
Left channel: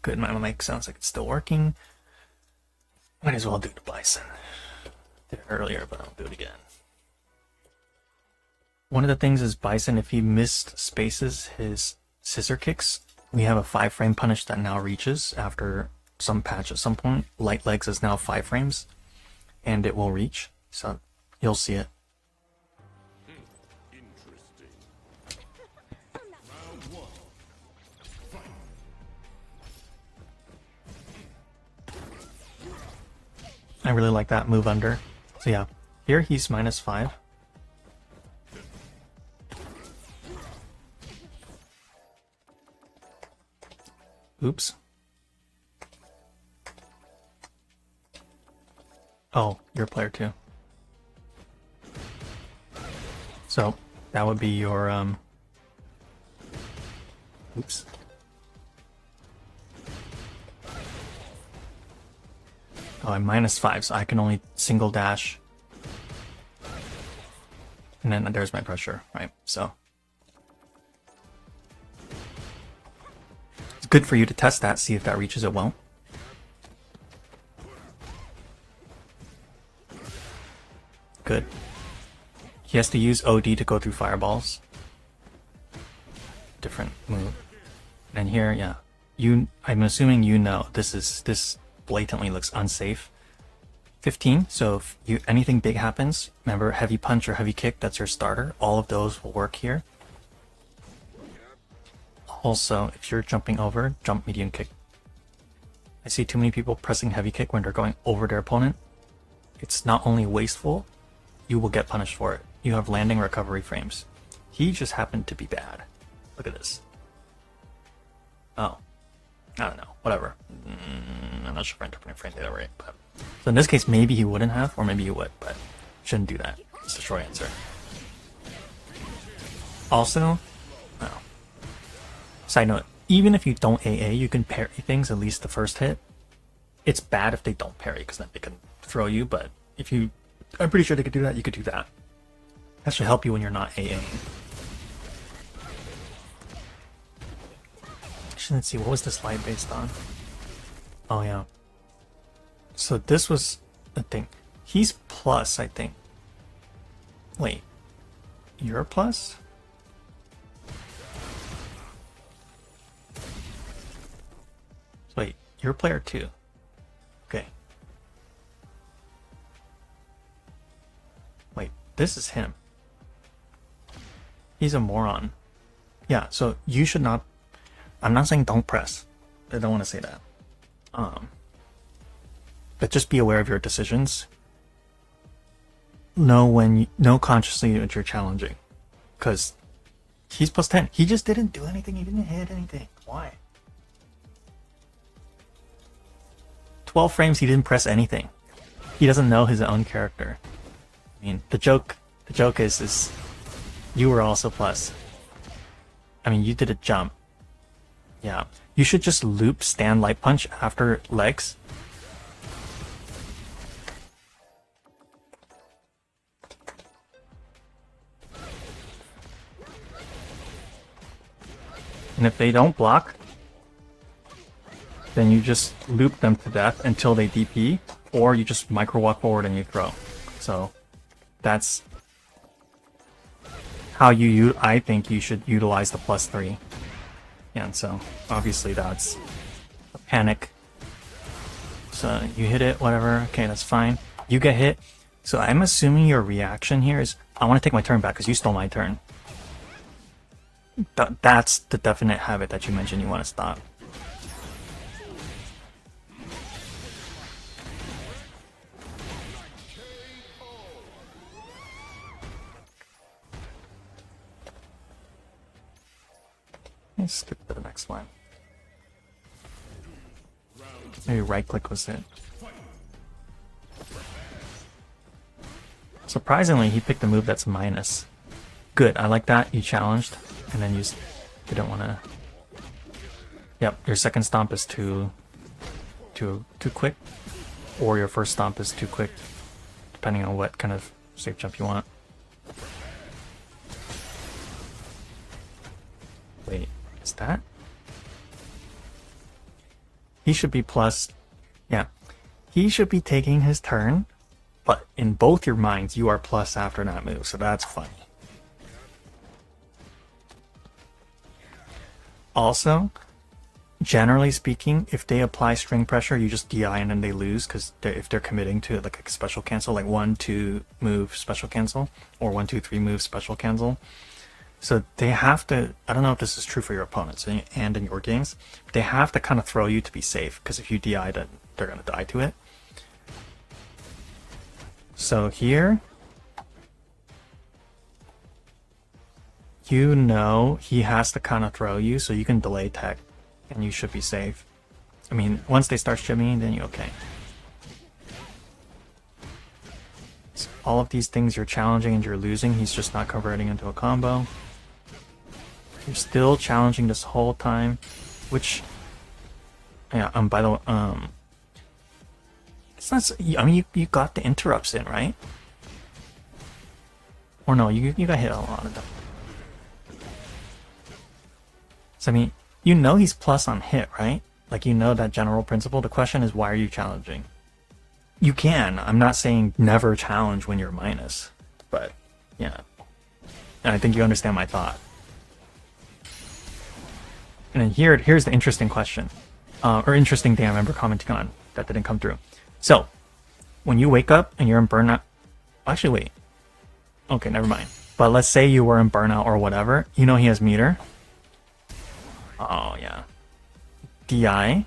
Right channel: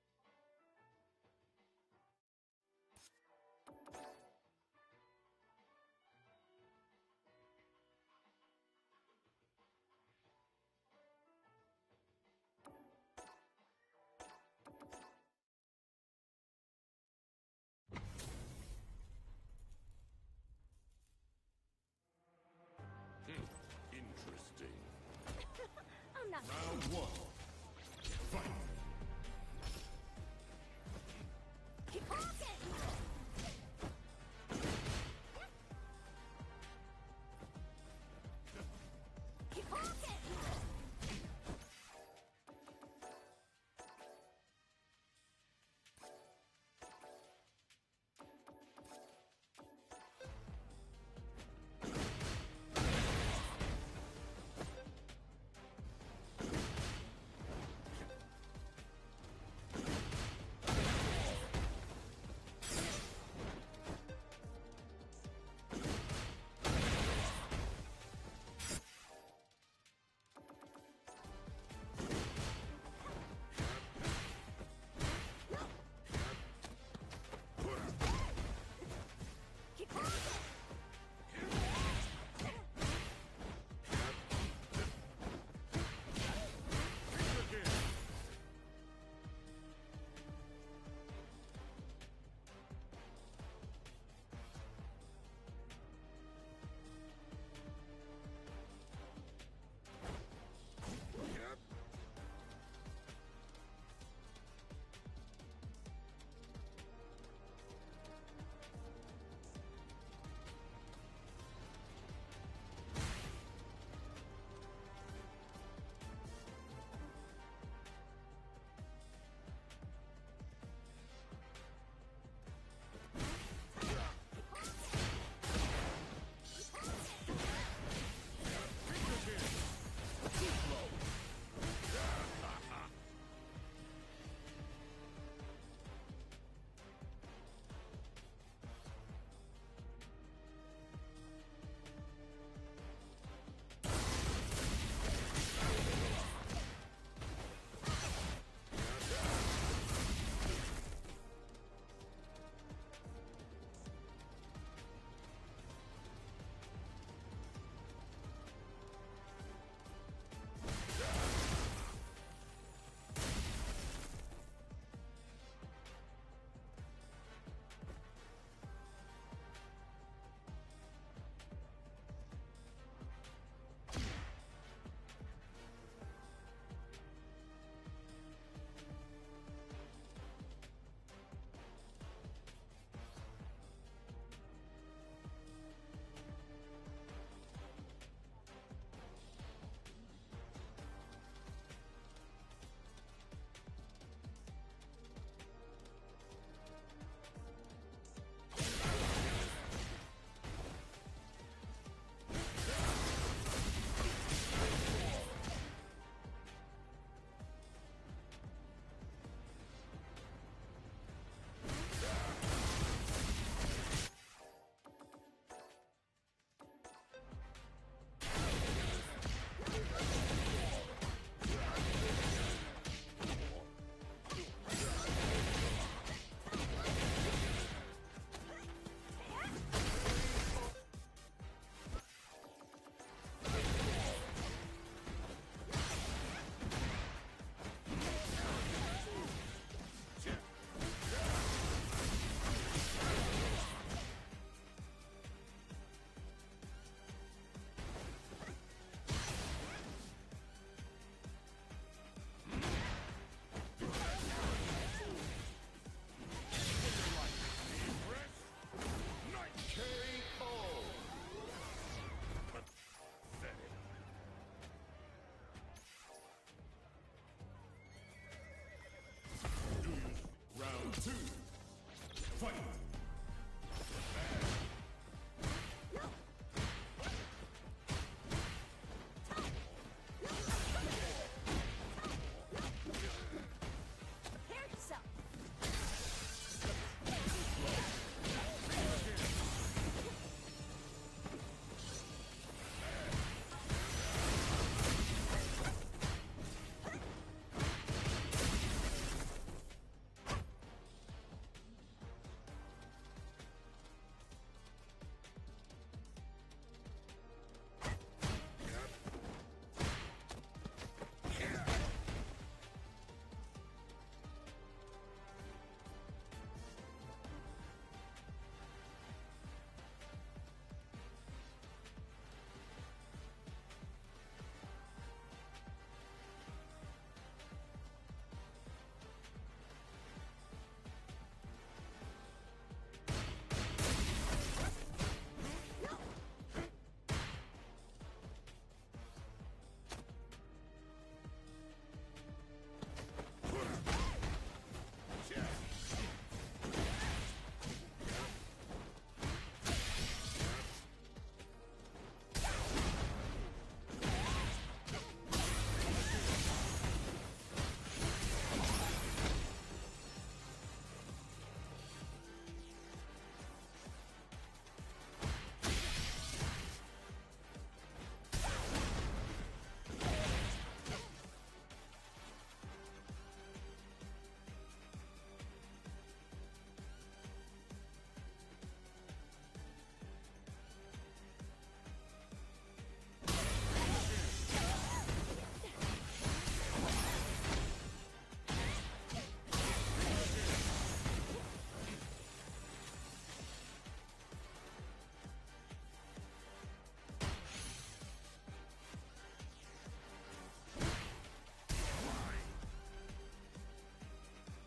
Good, my mic sounds like it's still working. Might as well do the bison. Did it earlier, but I'll do it again. One of the things is bison, if he missed spaces his scissor kicks, we have a 5-frame punish that now reaches after some patch at some point. Light legs is now 5 frames, and it will reach, so you'll see it. Interesting. I'm not Round 1. Fight. I really like that move under. So yeah, here he's -5. Oops. Oh, you're a player too. So that would be your oops. Oh, I'm -5, so I can only single dash. And then there's my pressure, right? So it's good for you to test that, see if that reaches it well. Good. He has to use OD to go through fireballs. Different move. And here, yeah. I'm assuming you know this blatantly looks unsafe. 15, so if anything big happens, remember heavy punch or heavy kick, that's your starter. All of those will work here. Also, if you're jumping over, jump medium kick. I see too many people pressing heavy kick when they're going over their opponent. It's not only wasteful, you will get punished for it. You have landing recovery frames. He just happened to be bad. Look at this. Oh. I don't know. Whatever. I'm not sure if I'm interpreting frame data right, but so in this case, maybe he wouldn't have, or maybe he would, but shouldn't do that. It's the short answer. Also, oh. Side note, even if you don't AA, you can parry things at least the first hit. It's bad if they don't parry, because then they can throw you, but if you... I'm pretty sure they could do that, you could do that. That should help you when you're not AA. Actually, let's see, what was this line based on? Oh yeah. So this was the thing. He's plus, I think. Wait. You're a plus? Wait, you're a player too. Okay. Wait, this is him. He's a moron. Yeah, so you should not... I'm not saying don't press. I don't want to say that. But just be aware of your decisions. Know consciously that you're challenging. Because he's plus 10. He just didn't do anything. He didn't hit anything. Why? 12 frames, he didn't press anything. He doesn't know his own character. I mean, the joke is you were also plus. I mean, you did a jump. Yeah. You should just loop stand light punch after legs. And if they don't block, then you just loop them to death until they DP, or you just micro walk forward and you throw. So that's how I think you should utilize the +3. Yeah, so obviously that's a panic. So you hit it, whatever, okay, that's fine. You get hit. So I'm assuming your reaction here is, I want to take my turn back because you stole my turn. That's the definite habit that you mentioned you want to stop. Let's skip to the next one. Maybe right click was it. Surprisingly, he picked a move that's minus. Good, I like that. You challenged, and then you didn't want to. Yep, your second stomp is too quick, or your first stomp is too quick, depending on what kind of safe jump you want. Wait, is that? He should be plus. Yeah. He should be taking his turn, but in both your minds, you are plus after that move, so that's funny. Also, generally speaking, if they apply string pressure, you just DI and then they lose, because if they're committing to like a special cancel, like 1-2 move special cancel, or 1-2-3 move special cancel. So they have to, I don't know if this is true for your opponents and in your games, but they have to kind of throw you to be safe, because if you DI, then they're going to die to it. So here, you know he has to kind of throw you, so you can delay tech, and you should be safe. I mean, once they start shimmying, then you're okay. So all of these things you're challenging and you're losing, he's just not converting into a combo. You're still challenging this whole time, which, yeah, by the way, it's not, I mean, you got the interrupts in, right? Or no, you got hit a lot of them. So I mean, you know he's plus on hit, right? Like, you know that general principle. The question is, why are you challenging? You can. I'm not saying never challenge when you're minus, but yeah. And I think you understand my thought. And then here's the interesting question, or interesting thing I remember commenting on that didn't come through. So, when you wake up and you're in burnout, actually wait, okay, never mind. But let's say you were in burnout or whatever, you know he has meter. Oh yeah, DI.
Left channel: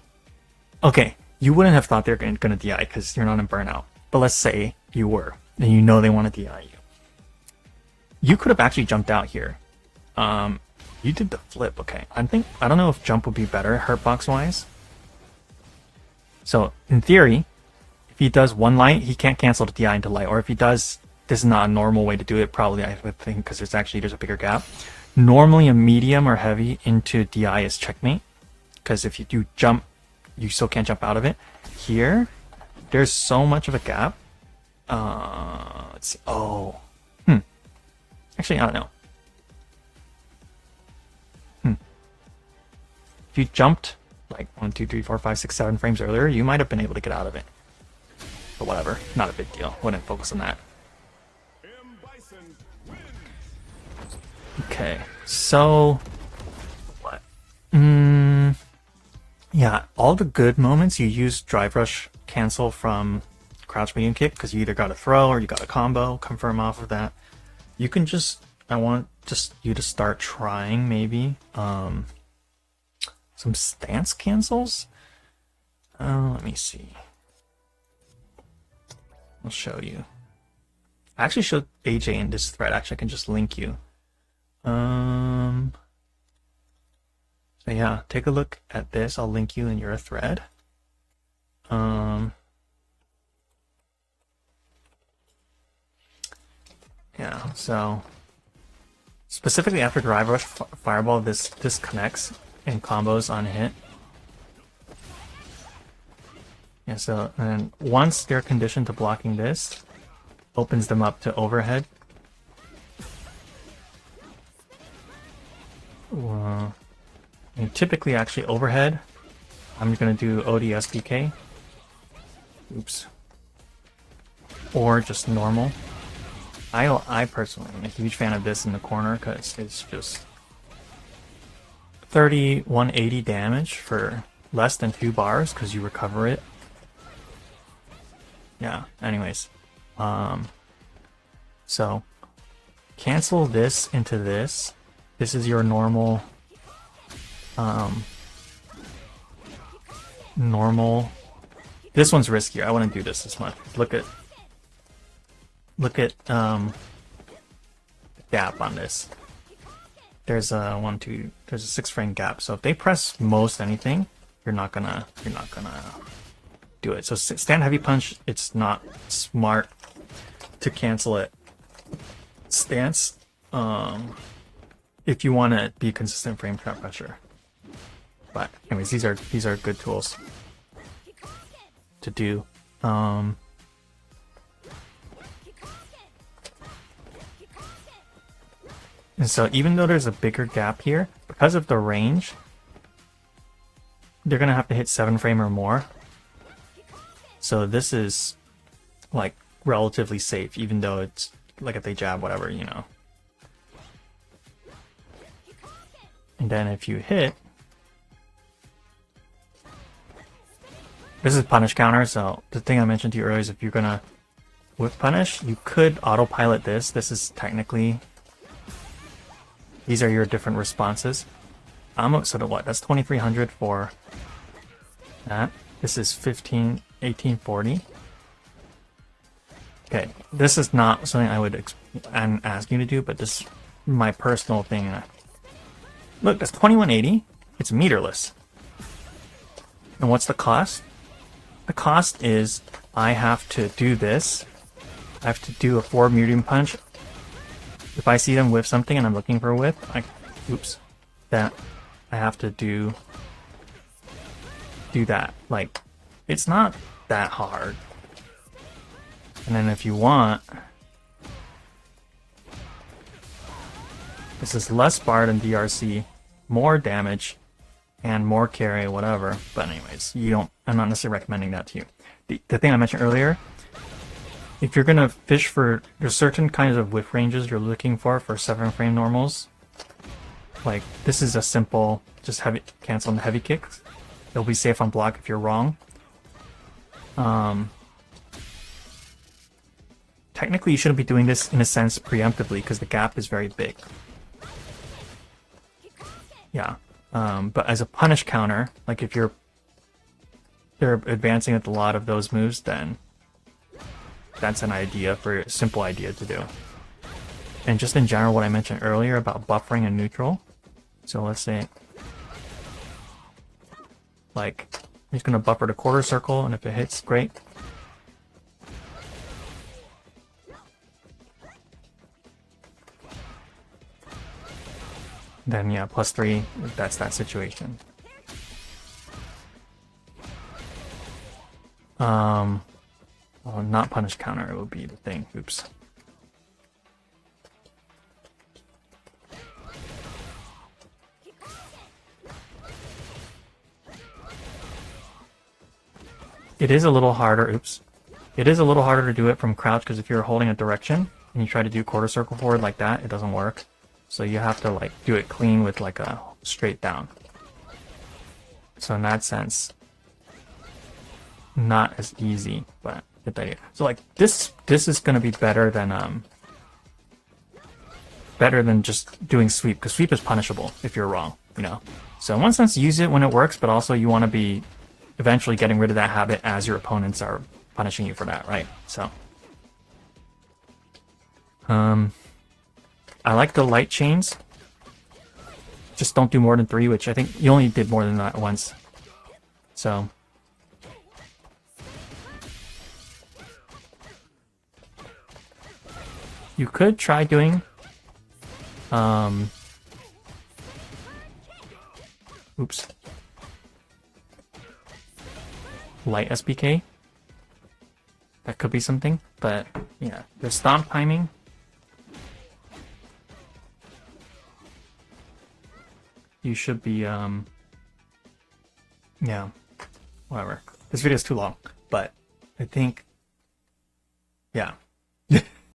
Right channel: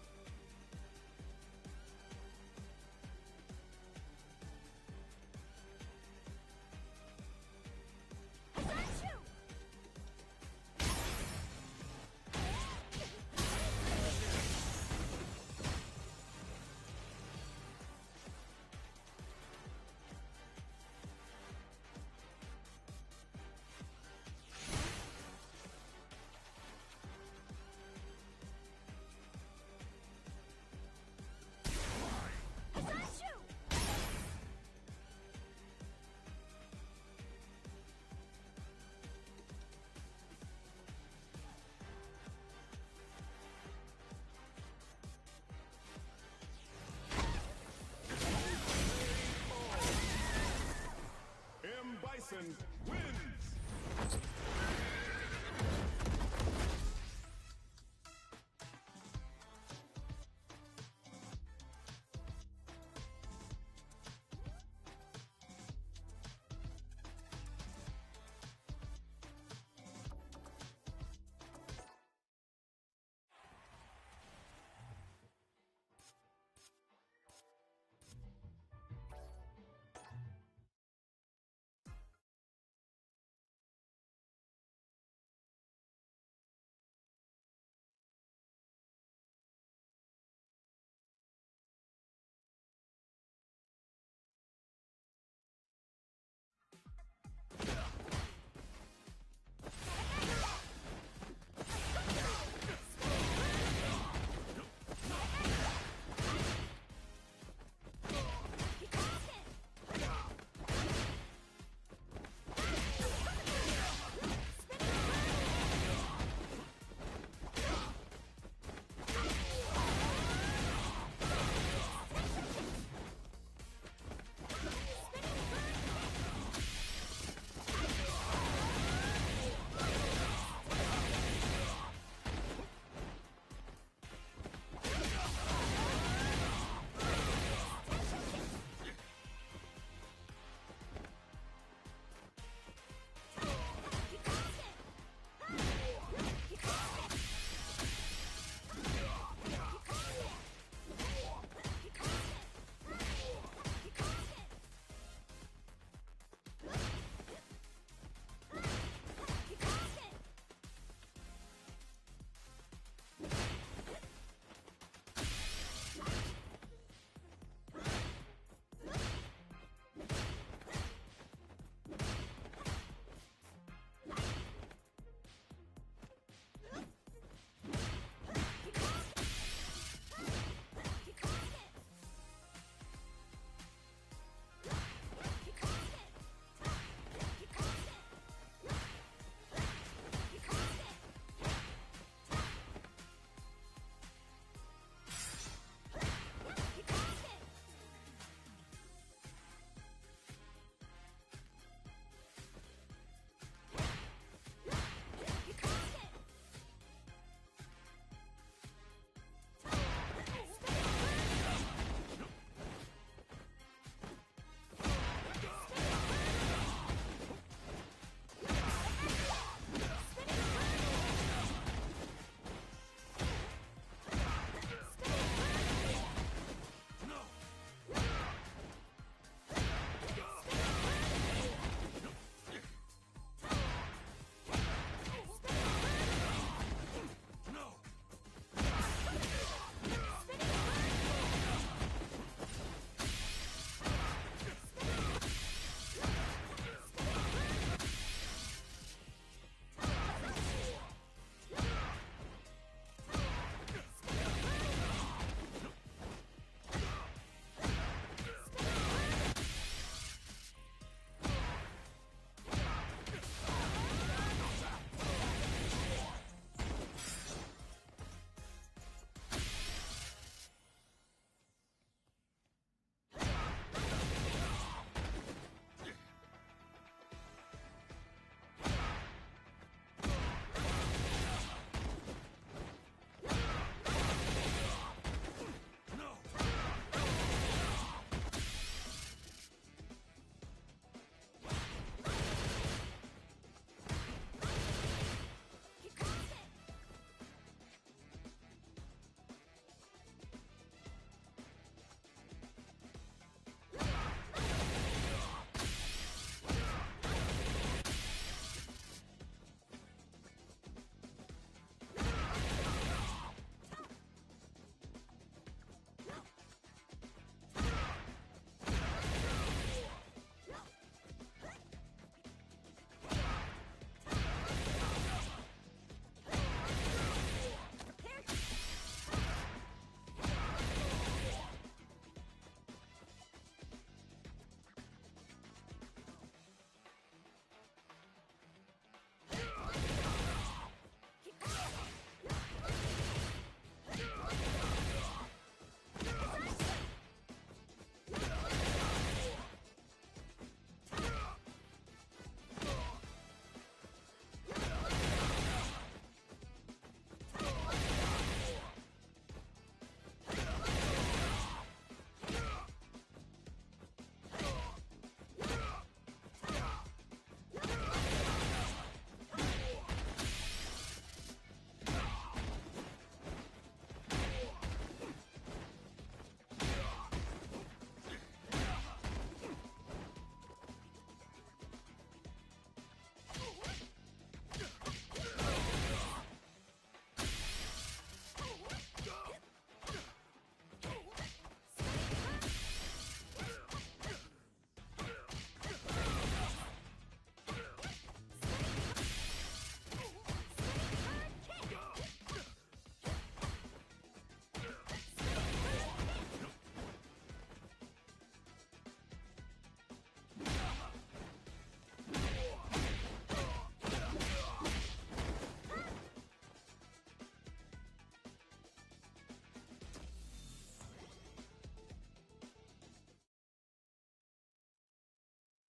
Okay, you wouldn't have thought they're gonna DI because you're not in burnout. But let's say you were, and you know they want to DI you. You could have actually jumped out here. You did the flip, okay. I don't know if jump would be better hurtbox wise. So in theory, if he does one light, he can't cancel the DI into light. Or if he does, this is not a normal way to do it, probably, I would think, because there's a bigger gap. Normally a medium or heavy into DI is checkmate, because if you do jump, you still can't jump out of it. Here, there's so much of a gap. Let's see. Oh. Actually, I don't know. If you jumped like 1, 2, 3, 4, 5, 6, 7 frames earlier, you might have been able to get out of it. But whatever, not a big deal. Wouldn't focus on that. Okay, so what? Yeah, all the good moments you use drive rush cancel from crouch medium kick, because you either got a throw or you got a combo, confirm off of that. You can just, I want just you to start trying maybe some stance cancels. Let me see. I'll show you. I actually showed AJ in this thread. Actually, I can just link you. So yeah, take a look at this. I'll link you in your thread. Yeah, so specifically after drive rush fireball, this connects in combos on hit. Yeah, so and once they're conditioned to blocking this, opens them up to overhead. And typically, actually, overhead, I'm gonna do ODSBK. Oops. Or just normal. I personally am a huge fan of this in the corner because it's just 180 damage for less than 2 bars because you recover it. Yeah, anyways. So cancel this into this. This is your normal this one's riskier. I wouldn't do this much. Look at gap on this. There's a there's a 6 frame gap. So if they press most anything, you're not gonna do it. So stand heavy punch, it's not smart to cancel it. Stance, if you want to be consistent frame trap pressure. But anyways, these are good tools to do. And so even though there's a bigger gap here, because of the range, they're gonna have to hit 7 frame or more. So this is like relatively safe, even though it's like if they jab, whatever, you know. And then if you hit, this is punish counter. So the thing I mentioned to you earlier is if you're gonna whip punish, you could autopilot this. This is technically, these are your different responses. So what? That's 2300 for that. This is 1840. Okay, this is not something I would ask you to do, but this is my personal thing. Look, that's 2180. It's meterless. And what's the cost? The cost is I have to do this. I have to do a 4 medium punch. If I see them whiff something and I'm looking for a whiff, that I have to do that. Like, it's not that hard. And then if you want, this is less bar than DRC, more damage, and more carry, whatever. But anyways, I'm not necessarily recommending that to you. The thing I mentioned earlier, if you're gonna fish for, there's certain kinds of whiff ranges you're looking for 7 frame normals. Like, this is a simple, just heavy, cancel on the heavy kicks. It'll be safe on block if you're wrong. Technically, you shouldn't be doing this in a sense preemptively because the gap is very big. Yeah, but as a punish counter, like if they're advancing with a lot of those moves, then that's an idea for a simple idea to do. And just in general, what I mentioned earlier about buffering and neutral. So let's say, like, he's gonna buffer the quarter circle, and if it hits, great. Then yeah, +3 if that's that situation. Well, not punish counter would be the thing. Oops. It is a little harder. Oops. It is a little harder to do it from crouch because if you're holding a direction and you try to do quarter circle forward like that, it doesn't work. So you have to like do it clean with like a straight down. So in that sense, not as easy, but good idea. So like this is gonna be better than just doing sweep, because sweep is punishable if you're wrong, you know. So in one sense, use it when it works, but also you want to be eventually getting rid of that habit as your opponents are punishing you for that, right? So I like the light chains. Just don't do more than 3, which I think you only did more than that once. So you could try doing oops. Light SPK. That could be something, but yeah, the stomp timing. You should be yeah, whatever. This video is too long, but I think, yeah.